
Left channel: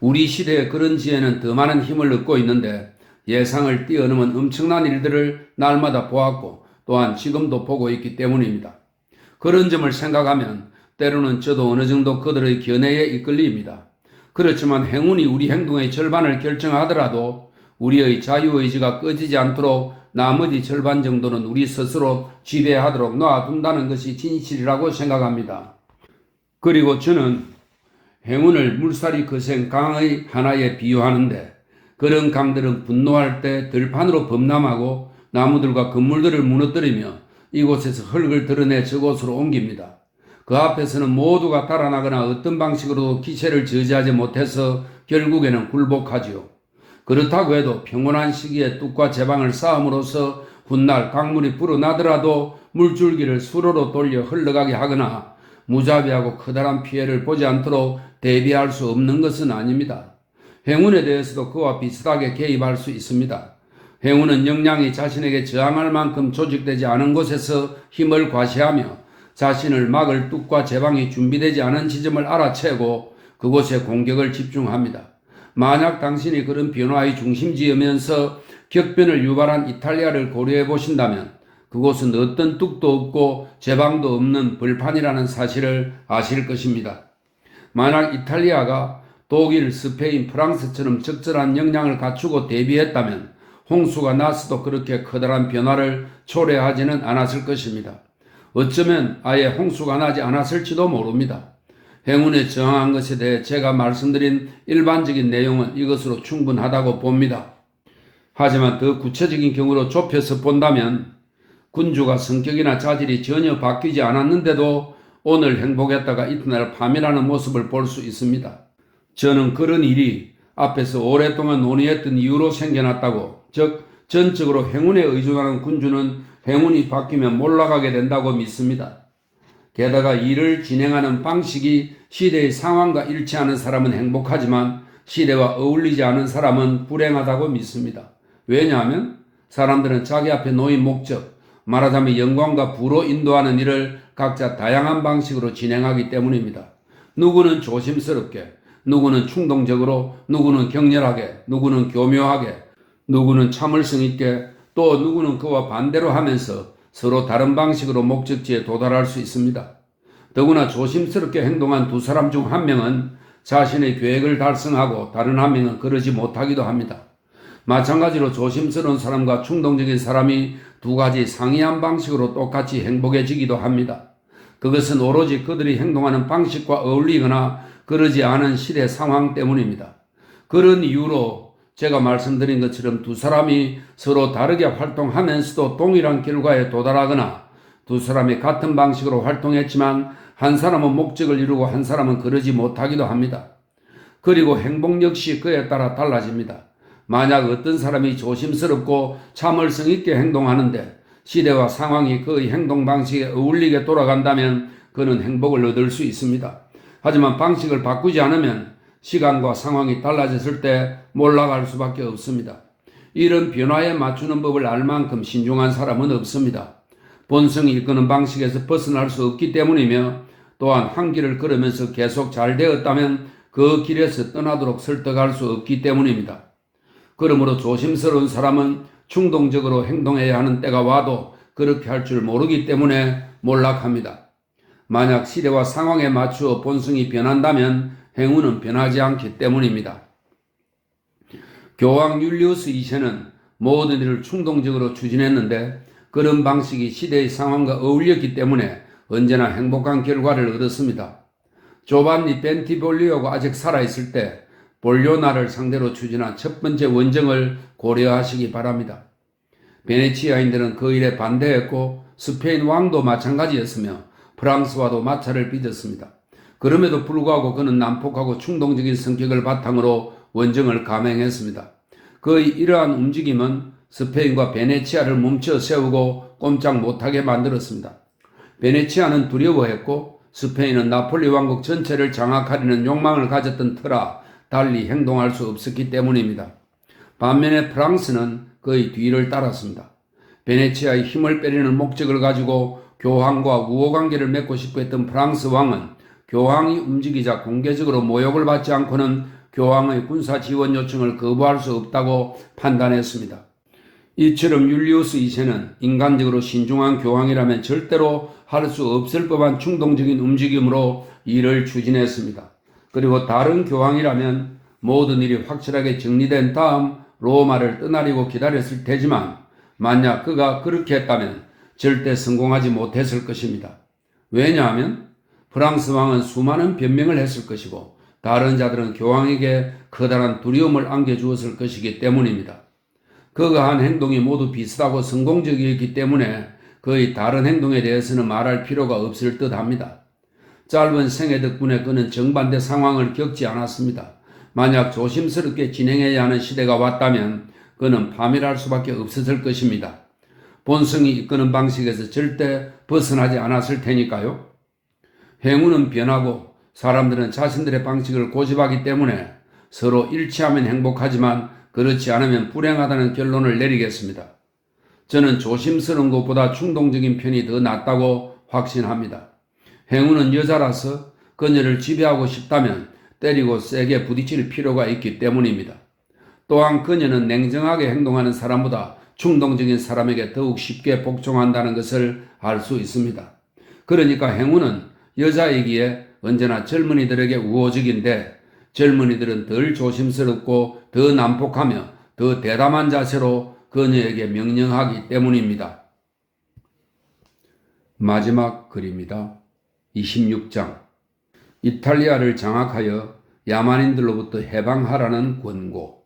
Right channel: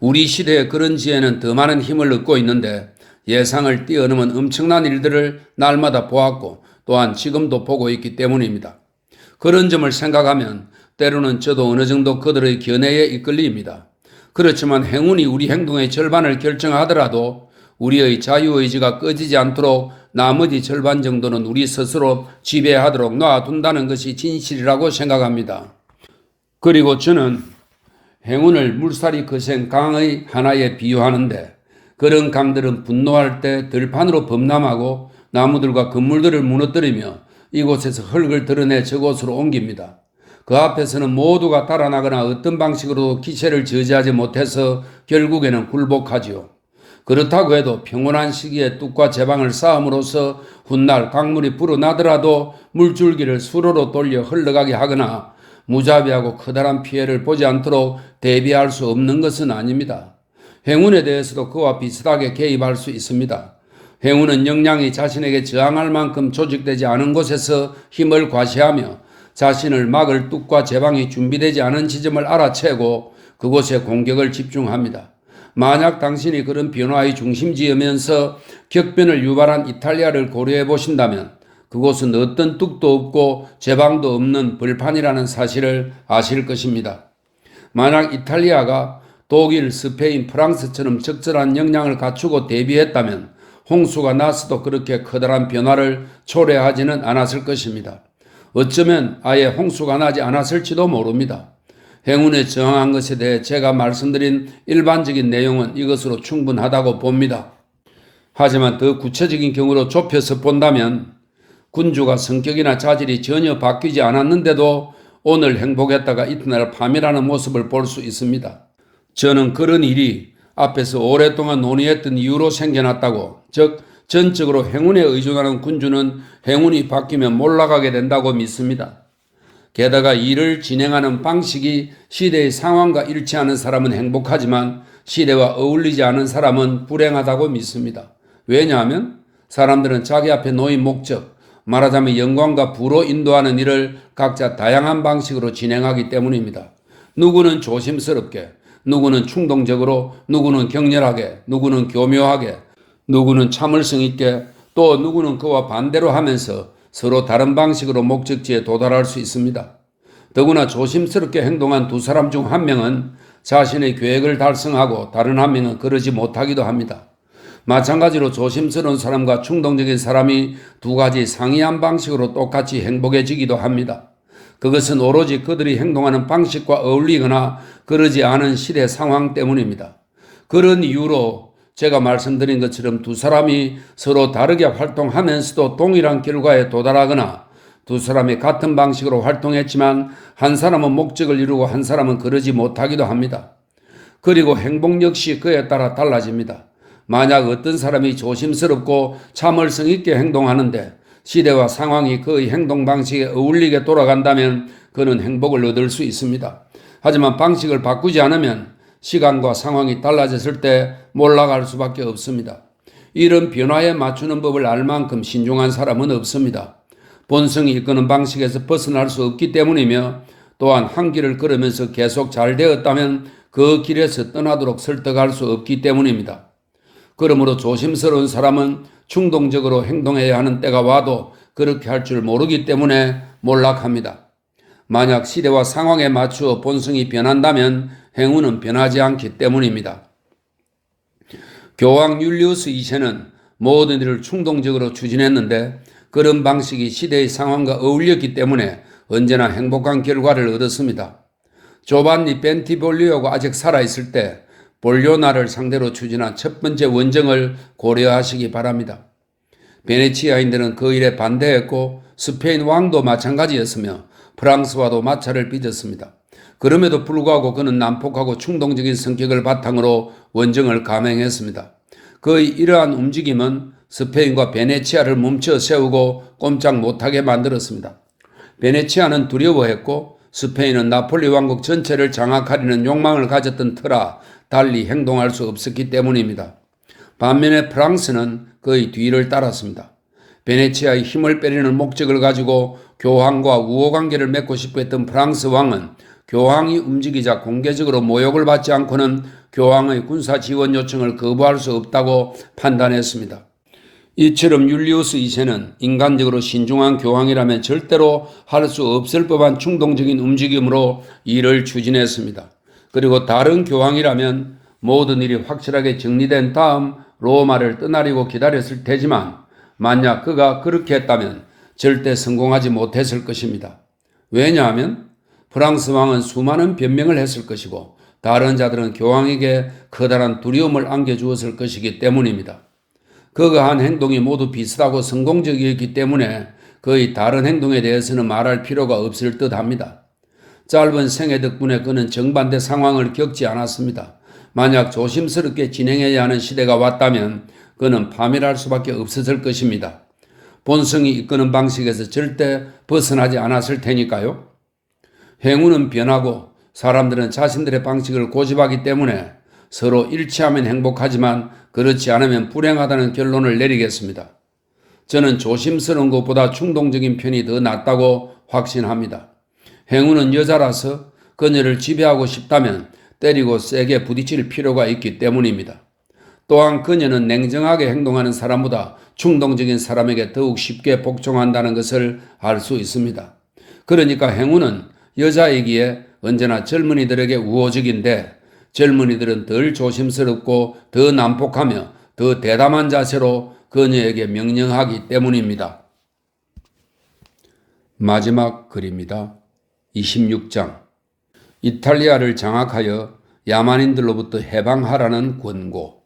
우리 시대에 그런 지혜는 더 많은 힘을 얻고 있는데 예상을 뛰어넘은 엄청난 일들을 날마다 보았고 또한 지금도 보고 있기 때문입니다. 그런 점을 생각하면 때로는 저도 어느 정도 그들의 견해에 이끌립니다. 그렇지만 행운이 우리 행동의 절반을 결정하더라도 우리의 자유의지가 꺼지지 않도록 나머지 절반 정도는 우리 스스로 지배하도록 놔둔다는 것이 진실이라고 생각합니다. 그리고 저는 행운을 물살이 거센 강의 하나에 비유하는데 그런 강들은 분노할 때 들판으로 범람하고 나무들과 건물들을 무너뜨리며 이곳에서 흙을 드러내 저곳으로 옮깁니다. 그 앞에서는 모두가 달아나거나 어떤 방식으로도 기세를 저지하지 못해서 결국에는 굴복하지요. 그렇다고 해도 평온한 시기에 뚝과 제방을 쌓음으로써 훗날 강물이 불어나더라도 물줄기를 수로로 돌려 흘러가게 하거나 무자비하고 커다란 피해를 보지 않도록 대비할 수 없는 것은 아닙니다. 행운에 대해서도 그와 비슷하게 개입할 수 있습니다. 행운은 역량이 자신에게 저항할 만큼 조직되지 않은 곳에서 힘을 과시하며 자신을 막을 뚝과 제방이 준비되지 않은 지점을 알아채고 그곳에 공격을 집중합니다. 만약 당신이 그런 변화의 중심지이면서 격변을 유발한 이탈리아를 고려해 보신다면 그곳은 어떤 뚝도 없고 제방도 없는 벌판이라는 사실을 아실 것입니다. 만약 이탈리아가 독일, 스페인, 프랑스처럼 적절한 역량을 갖추고 대비했다면 홍수가 났어도 그렇게 커다란 변화를 초래하지는 않았을 것입니다. 어쩌면 아예 홍수가 나지 않았을지도 모릅니다. 행운에 저항한 것에 대해 제가 말씀드린 일반적인 내용은 이것으로 충분하다고 봅니다. 하지만 더 구체적인 경우로 좁혀서 본다면 군주가 성격이나 자질이 전혀 바뀌지 않았는데도 오늘 행복했다가 이튿날 파멸하는 모습을 볼 수 있습니다. 저는 그런 일이 앞에서 오랫동안 논의했던 이유로 생겨났다고, 즉 전적으로 행운에 의존하는 군주는 행운이 바뀌면 몰락하게 된다고 믿습니다. 게다가 일을 진행하는 방식이 시대의 상황과 일치하는 사람은 행복하지만 시대와 어울리지 않은 사람은 불행하다고 믿습니다. 왜냐하면 사람들은 자기 앞에 놓인 목적, 말하자면 영광과 부로 인도하는 일을 각자 다양한 방식으로 진행하기 때문입니다. 누구는 조심스럽게, 누구는 충동적으로, 누구는 격렬하게, 누구는 교묘하게, 누구는 참을성 있게, 또 누구는 그와 반대로 하면서 서로 다른 방식으로 목적지에 도달할 수 있습니다. 더구나 조심스럽게 행동한 두 사람 중 한 명은 자신의 계획을 달성하고 다른 한 명은 그러지 못하기도 합니다. 마찬가지로 조심스러운 사람과 충동적인 사람이 두 가지 상이한 방식으로 똑같이 행복해지기도 합니다. 그것은 오로지 그들이 행동하는 방식과 어울리거나 그러지 않은 시대 상황 때문입니다. 그런 이유로 제가 말씀드린 것처럼 두 사람이 서로 다르게 활동하면서도 동일한 결과에 도달하거나 두 사람이 같은 방식으로 활동했지만 한 사람은 목적을 이루고 한 사람은 그러지 못하기도 합니다. 그리고 행복 역시 그에 따라 달라집니다. 만약 어떤 사람이 조심스럽고 참을성 있게 행동하는데 시대와 상황이 그의 행동 방식에 어울리게 돌아간다면 그는 행복을 얻을 수 있습니다. 하지만 방식을 바꾸지 않으면 시간과 상황이 달라졌을 때 몰락할 수밖에 없습니다. 이런 변화에 맞추는 법을 알 만큼 신중한 사람은 없습니다. 본성이 이끄는 방식에서 벗어날 수 없기 때문이며 또한 한 길을 걸으면서 계속 잘 되었다면 그 길에서 떠나도록 설득할 수 없기 때문입니다. 그러므로 조심스러운 사람은 충동적으로 행동해야 하는 때가 와도 그렇게 할 줄 모르기 때문에 몰락합니다. 만약 시대와 상황에 맞추어 본성이 변한다면 행운은 변하지 않기 때문입니다. 교황 율리우스 2세는 모든 일을 충동적으로 추진했는데 그런 방식이 시대의 상황과 어울렸기 때문에 언제나 행복한 결과를 얻었습니다. 조반니 벤티볼리오가 아직 살아있을 때 볼리오나를 상대로 추진한 첫 번째 원정을 고려하시기 바랍니다. 베네치아인들은 그 일에 반대했고 스페인 왕도 마찬가지였으며 프랑스와도 마찰을 빚었습니다. 그럼에도 불구하고 그는 난폭하고 충동적인 성격을 바탕으로 원정을 감행했습니다. 그의 이러한 움직임은 스페인과 베네치아를 멈춰 세우고 꼼짝 못하게 만들었습니다. 베네치아는 두려워했고 스페인은 나폴리 왕국 전체를 장악하려는 욕망을 가졌던 터라 달리 행동할 수 없었기 때문입니다. 반면에 프랑스는 그의 뒤를 따랐습니다. 베네치아의 힘을 빼려는 목적을 가지고 교황과 우호관계를 맺고 싶어 했던 프랑스 왕은 교황이 움직이자 공개적으로 모욕을 받지 않고는 교황의 군사 지원 요청을 거부할 수 없다고 판단했습니다. 이처럼 율리우스 2세는 인간적으로 신중한 교황이라면 절대로 할 수 없을 법한 충동적인 움직임으로 일을 추진했습니다. 그리고 다른 교황이라면 모든 일이 확실하게 정리된 다음 로마를 떠나려고 기다렸을 테지만 만약 그가 그렇게 했다면 절대 성공하지 못했을 것입니다. 왜냐하면 프랑스 왕은 수많은 변명을 했을 것이고 다른 자들은 교황에게 커다란 두려움을 안겨주었을 것이기 때문입니다. 그가 한 행동이 모두 비슷하고 성공적이었기 때문에 그의 다른 행동에 대해서는 말할 필요가 없을 듯합니다. 짧은 생애 덕분에 그는 정반대 상황을 겪지 않았습니다. 만약 조심스럽게 진행해야 하는 시대가 왔다면 그는 파멸할 수밖에 없었을 것입니다. 본성이 이끄는 방식에서 절대 벗어나지 않았을 테니까요. 행운은 변하고 사람들은 자신들의 방식을 고집하기 때문에 서로 일치하면 행복하지만 그렇지 않으면 불행하다는 결론을 내리겠습니다. 저는 조심스러운 것보다 충동적인 편이 더 낫다고 확신합니다. 행운은 여자라서 그녀를 지배하고 싶다면 때리고 세게 부딪힐 필요가 있기 때문입니다. 또한 그녀는 냉정하게 행동하는 사람보다 충동적인 사람에게 더욱 쉽게 복종한다는 것을 알 수 있습니다. 그러니까 행운은 여자이기에 언제나 젊은이들에게 우호적인데 젊은이들은 덜 조심스럽고 더 난폭하며 더 대담한 자세로 그녀에게 명령하기 때문입니다. 마지막 글입니다. 26장. 이탈리아를 장악하여 야만인들로부터 해방하라는 권고.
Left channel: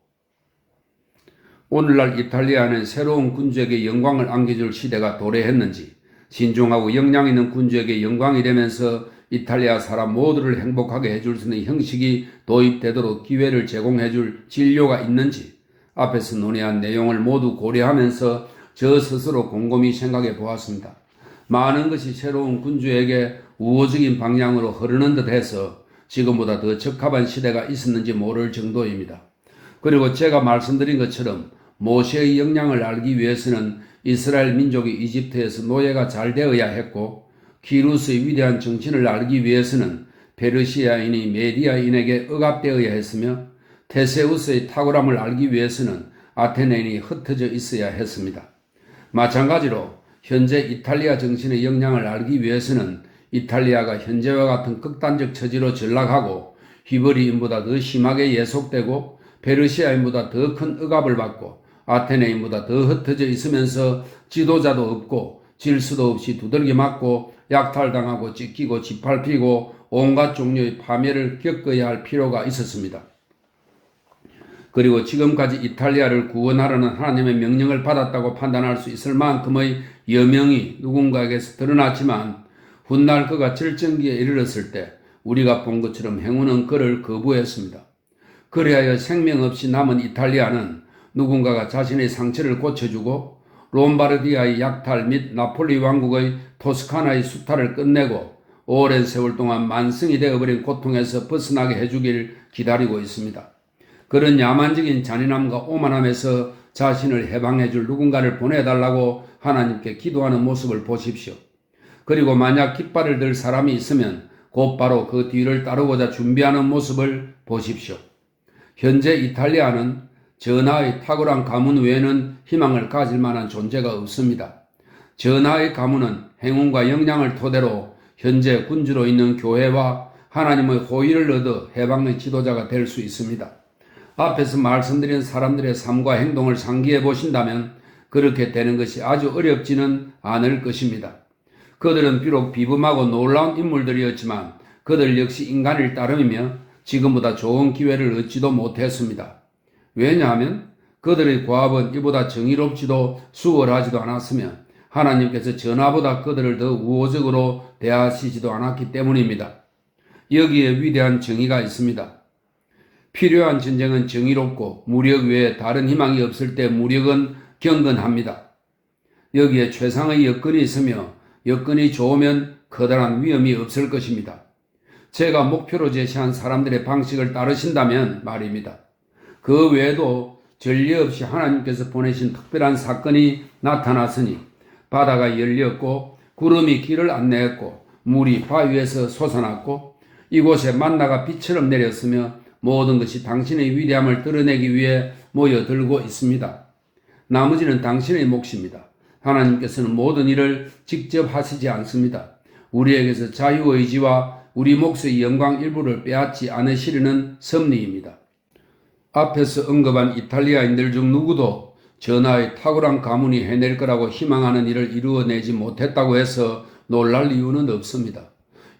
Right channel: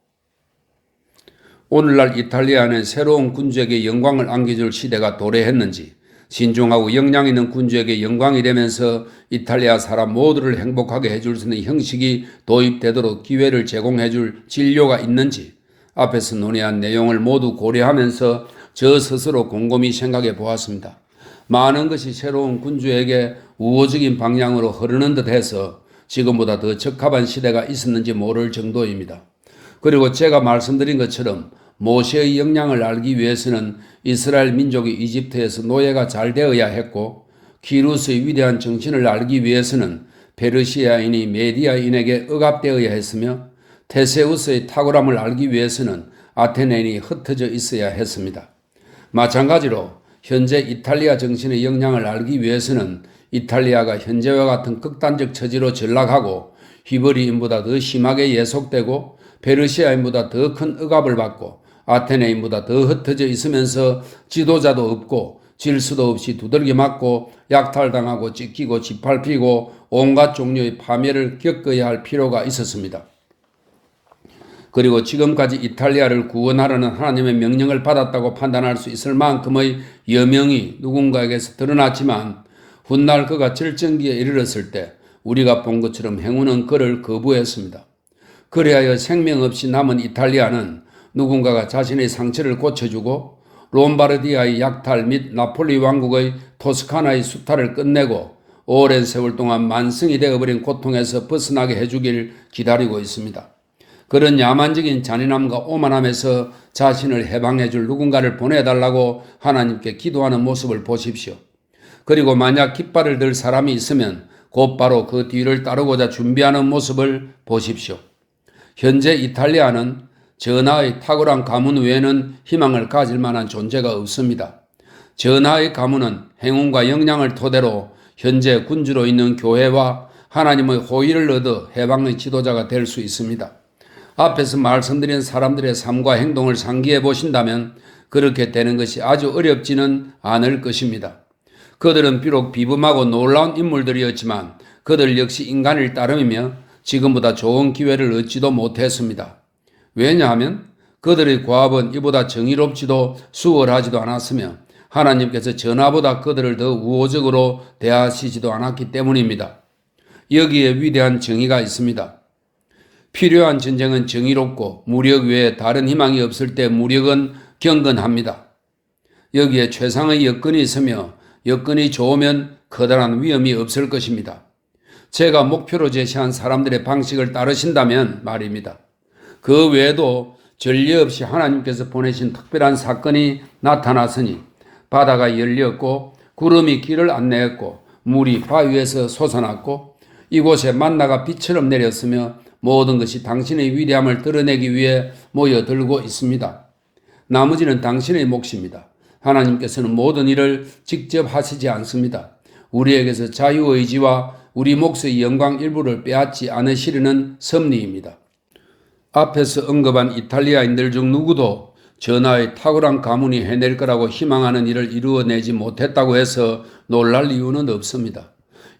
오늘날 이탈리아는 새로운 군주에게 영광을 안겨줄 시대가 도래했는지 신중하고 역량 있는 군주에게 영광이 되면서 이탈리아 사람 모두를 행복하게 해줄 수 있는 형식이 도입되도록 기회를 제공해줄 진료가 있는지 앞에서 논의한 내용을 모두 고려하면서 저 스스로 곰곰이 생각해 보았습니다. 많은 것이 새로운 군주에게 우호적인 방향으로 흐르는 듯해서 지금보다 더 적합한 시대가 있었는지 모를 정도입니다. 그리고 제가 말씀드린 것처럼 모세의 역량을 알기 위해서는 이스라엘 민족이 이집트에서 노예가 잘 되어야 했고 키루스의 위대한 정신을 알기 위해서는 페르시아인이 메디아인에게 억압되어야 했으며 테세우스의 탁월함을 알기 위해서는 아테네인이 흩어져 있어야 했습니다. 마찬가지로 현재 이탈리아 정신의 역량을 알기 위해서는 이탈리아가 현재와 같은 극단적 처지로 전락하고 히브리인보다 더 심하게 예속되고 페르시아인보다 더 큰 억압을 받고 아테네인보다 더 흩어져 있으면서 지도자도 없고 질서도 없이 두들겨 맞고 약탈당하고 찢기고 짓밟히고 온갖 종류의 파멸을 겪어야 할 필요가 있었습니다. 그리고 지금까지 이탈리아를 구원하라는 하나님의 명령을 받았다고 판단할 수 있을 만큼의 여명이 누군가에게서 드러났지만 훗날 그가 절정기에 이르렀을 때 우리가 본 것처럼 행운은 그를 거부했습니다. 그리하여 생명 없이 남은 이탈리아는 누군가가 자신의 상처를 고쳐주고 롬바르디아의 약탈 및 나폴리 왕국의 토스카나의 수탈을 끝내고 오랜 세월 동안 만성이 되어버린 고통에서 벗어나게 해주길 기다리고 있습니다. 그런 야만적인 잔인함과 오만함에서 자신을 해방해줄 누군가를 보내달라고 하나님께 기도하는 모습을 보십시오. 그리고 만약 깃발을 들 사람이 있으면 곧바로 그 뒤를 따르고자 준비하는 모습을 보십시오. 현재 이탈리아는 전하의 탁월한 가문 외에는 희망을 가질 만한 존재가 없습니다. 전하의 가문은 행운과 역량을 토대로 현재 군주로 있는 교회와 하나님의 호의를 얻어 해방의 지도자가 될 수 있습니다. 앞에서 말씀드린 사람들의 삶과 행동을 상기해 보신다면 그렇게 되는 것이 아주 어렵지는 않을 것입니다. 그들은 비록 비범하고 놀라운 인물들이었지만 그들 역시 인간일 따름이며 지금보다 좋은 기회를 얻지도 못했습니다. 왜냐하면 그들의 과업은 이보다 정의롭지도 수월하지도 않았으며 하나님께서 전하보다 그들을 더 우호적으로 대하시지도 않았기 때문입니다. 여기에 위대한 정의가 있습니다. 필요한 전쟁은 정의롭고 무력 외에 다른 희망이 없을 때 무력은 경건합니다. 여기에 최상의 여건이 있으며 여건이 좋으면 커다란 위험이 없을 것입니다. 제가 목표로 제시한 사람들의 방식을 따르신다면 말입니다. 그 외에도 전례 없이 하나님께서 보내신 특별한 사건이 나타났으니 바다가 열렸고 구름이 길을 안내했고 물이 바위에서 솟아났고 이곳에 만나가 비처럼 내렸으며 모든 것이 당신의 위대함을 드러내기 위해 모여들고 있습니다. 나머지는 당신의 몫입니다. 하나님께서는 모든 일을 직접 하시지 않습니다. 우리에게서 자유의지와 우리 몫의 영광 일부를 빼앗지 않으시려는 섭리입니다. 앞에서 언급한 이탈리아인들 중 누구도 전하의 탁월한 가문이 해낼 거라고 희망하는 일을 이루어내지 못했다고 해서 놀랄 이유는 없습니다.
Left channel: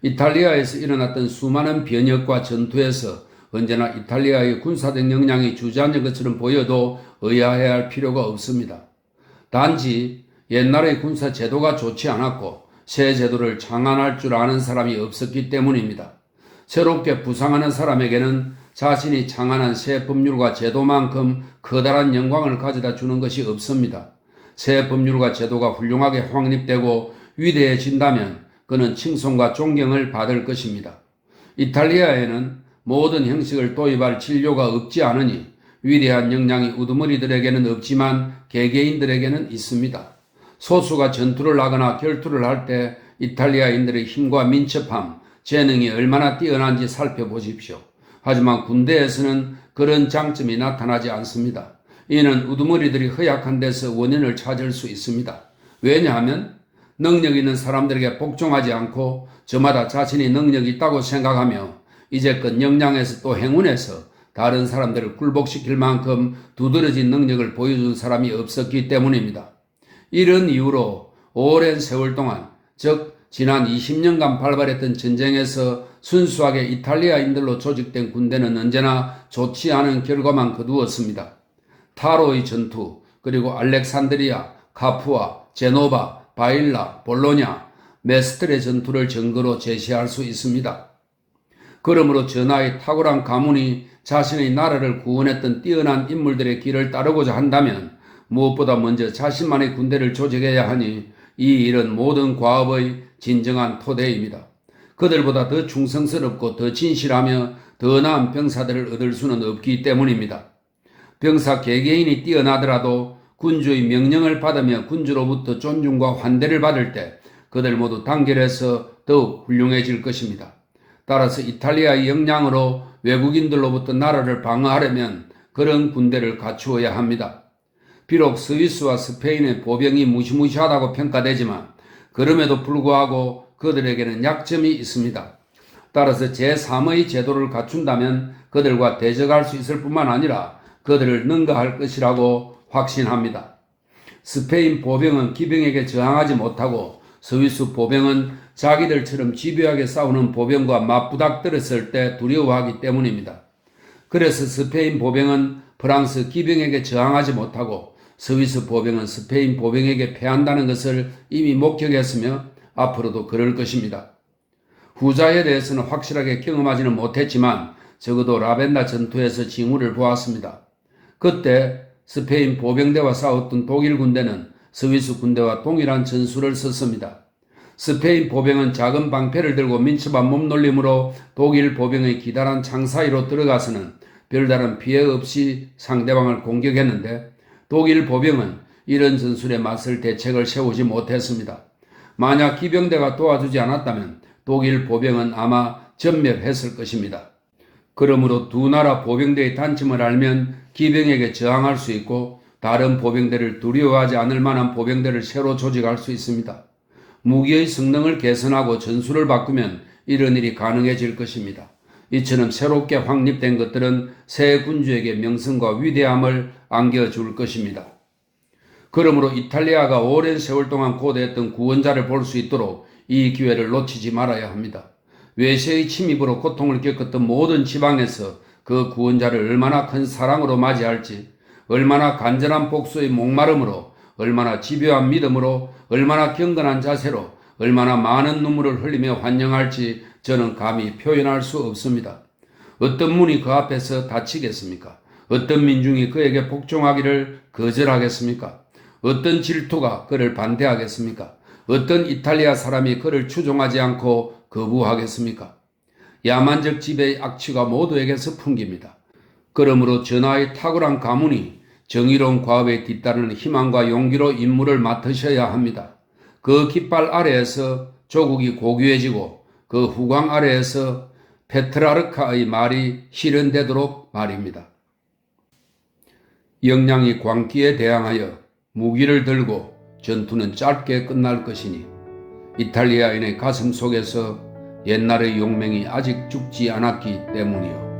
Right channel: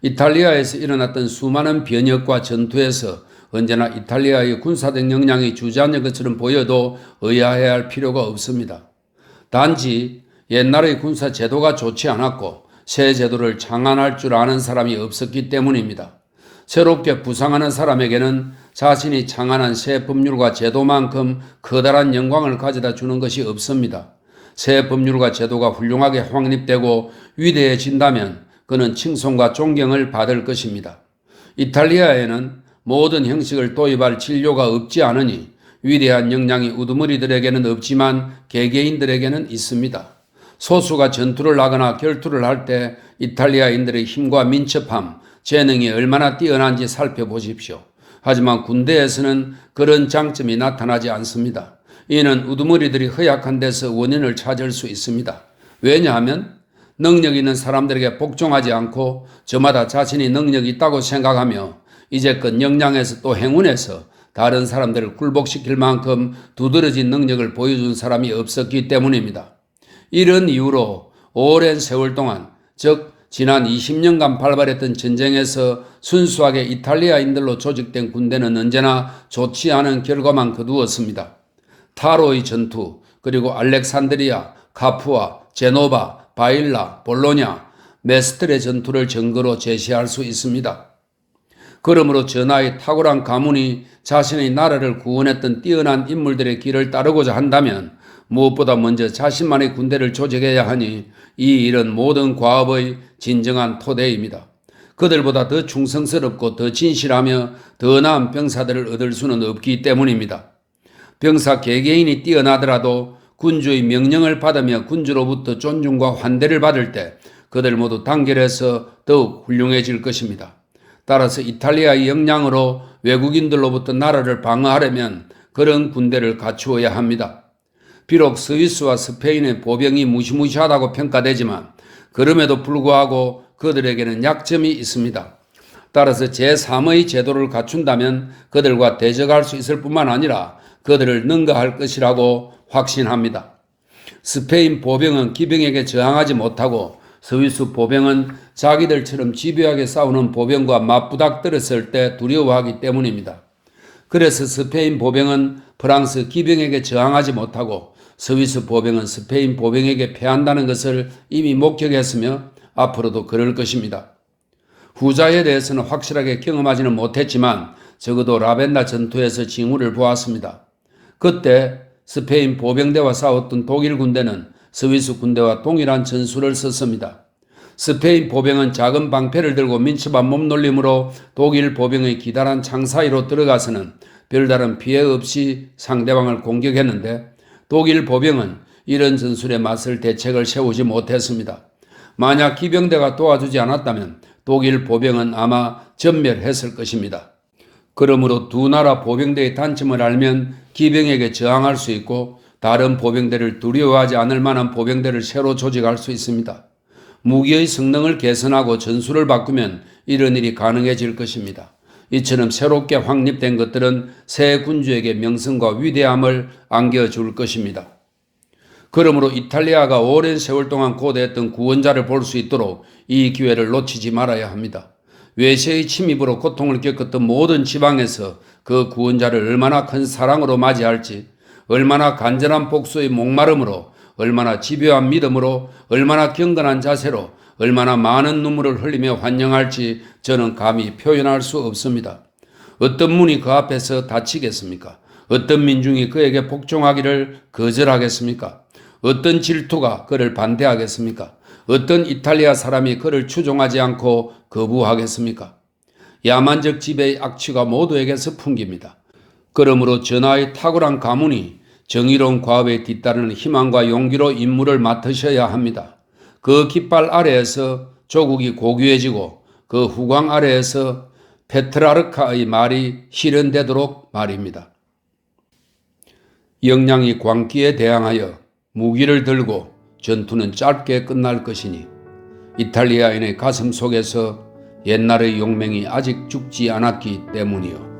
이탈리아에서 일어났던 수많은 변혁과 전투에서 언제나 이탈리아의 군사적 역량이 주저앉은 것처럼 보여도 의아해야 할 필요가 없습니다. 단지 옛날의 군사 제도가 좋지 않았고 새 제도를 창안할 줄 아는 사람이 없었기 때문입니다. 새롭게 부상하는 사람에게는 자신이 창안한 새 법률과 제도만큼 커다란 영광을 가져다 주는 것이 없습니다. 새 법률과 제도가 훌륭하게 확립되고 위대해진다면 그는 칭송과 존경을 받을 것입니다. 이탈리아에는 모든 형식을 도입할 진료가 없지 않으니 위대한 역량이 우두머리들에게는 없지만 개개인들에게는 있습니다. 소수가 전투를 하거나 결투를 할 때 이탈리아인들의 힘과 민첩함, 재능이 얼마나 뛰어난지 살펴보십시오. 하지만 군대에서는 그런 장점이 나타나지 않습니다. 이는 우두머리들이 허약한 데서 원인을 찾을 수 있습니다. 왜냐하면 능력 있는 사람들에게 복종하지 않고 저마다 자신이 능력이 있다고 생각하며 이제껏 역량에서 또 행운에서 다른 사람들을 굴복시킬 만큼 두드러진 능력을 보여준 사람이 없었기 때문입니다. 이런 이유로 오랜 세월 동안, 즉 지난 20년간 발발했던 전쟁에서 순수하게 이탈리아인들로 조직된 군대는 언제나 좋지 않은 결과만 거두었습니다. 타로의 전투, 그리고 알렉산드리아, 카푸아, 제노바, 바일라, 볼로냐, 메스트의 전투를 증거로 제시할 수 있습니다. 그러므로 전하의 탁월한 가문이 자신의 나라를 구원했던 뛰어난 인물들의 길을 따르고자 한다면 무엇보다 먼저 자신만의 군대를 조직해야 하니 이 일은 모든 과업의 진정한 토대입니다. 그들보다 더 충성스럽고 더 진실하며 더 나은 병사들을 얻을 수는 없기 때문입니다. 병사 개개인이 뛰어나더라도 군주의 명령을 받으며 군주로부터 존중과 환대를 받을 때 그들 모두 단결해서 더욱 훌륭해질 것입니다. 따라서 이탈리아의 역량으로 외국인들로부터 나라를 방어하려면 그런 군대를 갖추어야 합니다. 비록 스위스와 스페인의 보병이 무시무시하다고 평가되지만 그럼에도 불구하고 그들에게는 약점이 있습니다. 따라서 제3의 제도를 갖춘다면 그들과 대적할 수 있을 뿐만 아니라 그들을 능가할 것이라고 확신합니다. 스페인 보병은 기병에게 저항하지 못하고 스위스 보병은 자기들처럼 집요하게 싸우는 보병과 맞부닥뜨렸을 때 두려워하기 때문입니다. 그래서 스페인 보병은 프랑스 기병에게 저항하지 못하고 스위스 보병은 스페인 보병에게 패한다는 것을 이미 목격했으며 앞으로도 그럴 것입니다. 후자에 대해서는 확실하게 경험하지는 못했지만 적어도 라벤나 전투에서 징후를 보았습니다. 그때 스페인 보병대와 싸웠던 독일 군대는 스위스 군대와 동일한 전술을 썼습니다. 스페인 보병은 작은 방패를 들고 민첩한 몸놀림으로 독일 보병의 기다란 창 사이로 들어가서는 별다른 피해 없이 상대방을 공격했는데 독일 보병은 이런 전술에 맞설 대책을 세우지 못했습니다. 만약 기병대가 도와주지 않았다면 독일 보병은 아마 전멸했을 것입니다. 그러므로 두 나라 보병대의 단점을 알면 기병에게 저항할 수 있고 다른 보병대를 두려워하지 않을 만한 보병대를 새로 조직할 수 있습니다. 무기의 성능을 개선하고 전술을 바꾸면 이런 일이 가능해질 것입니다. 이처럼 새롭게 확립된 것들은 새 군주에게 명성과 위대함을 안겨줄 것입니다. 그러므로 이탈리아가 오랜 세월 동안 고대했던 구원자를 볼 수 있도록 이 기회를 놓치지 말아야 합니다. 외세의 침입으로 고통을 겪었던 모든 지방에서 그 구원자를 얼마나 큰 사랑으로 맞이할지, 얼마나 간절한 복수의 목마름으로, 얼마나 집요한 믿음으로, 얼마나 경건한 자세로, 얼마나 많은 눈물을 흘리며 환영할지 저는 감히 표현할 수 없습니다. 어떤 문이 그 앞에서 닫히겠습니까? 어떤 민중이 그에게 복종하기를 거절하겠습니까? 어떤 질투가 그를 반대하겠습니까? 어떤 이탈리아 사람이 그를 추종하지 않고 거부하겠습니까? 야만적 지배의 악취가 모두에게서 풍깁니다. 그러므로 전하의 탁월한 가문이 정의로운 과업에 뒤따르는 희망과 용기로 임무를 맡으셔야 합니다. 그 깃발 아래에서 조국이 고귀해지고 그 후광 아래에서 페트라르카의 말이 실현되도록 말입니다. 역량이 광기에 대항하여 무기를 들고 전투는 짧게 끝날 것이니 이탈리아인의 가슴 속에서 옛날의 용맹이 아직 죽지 않았기 때문이요.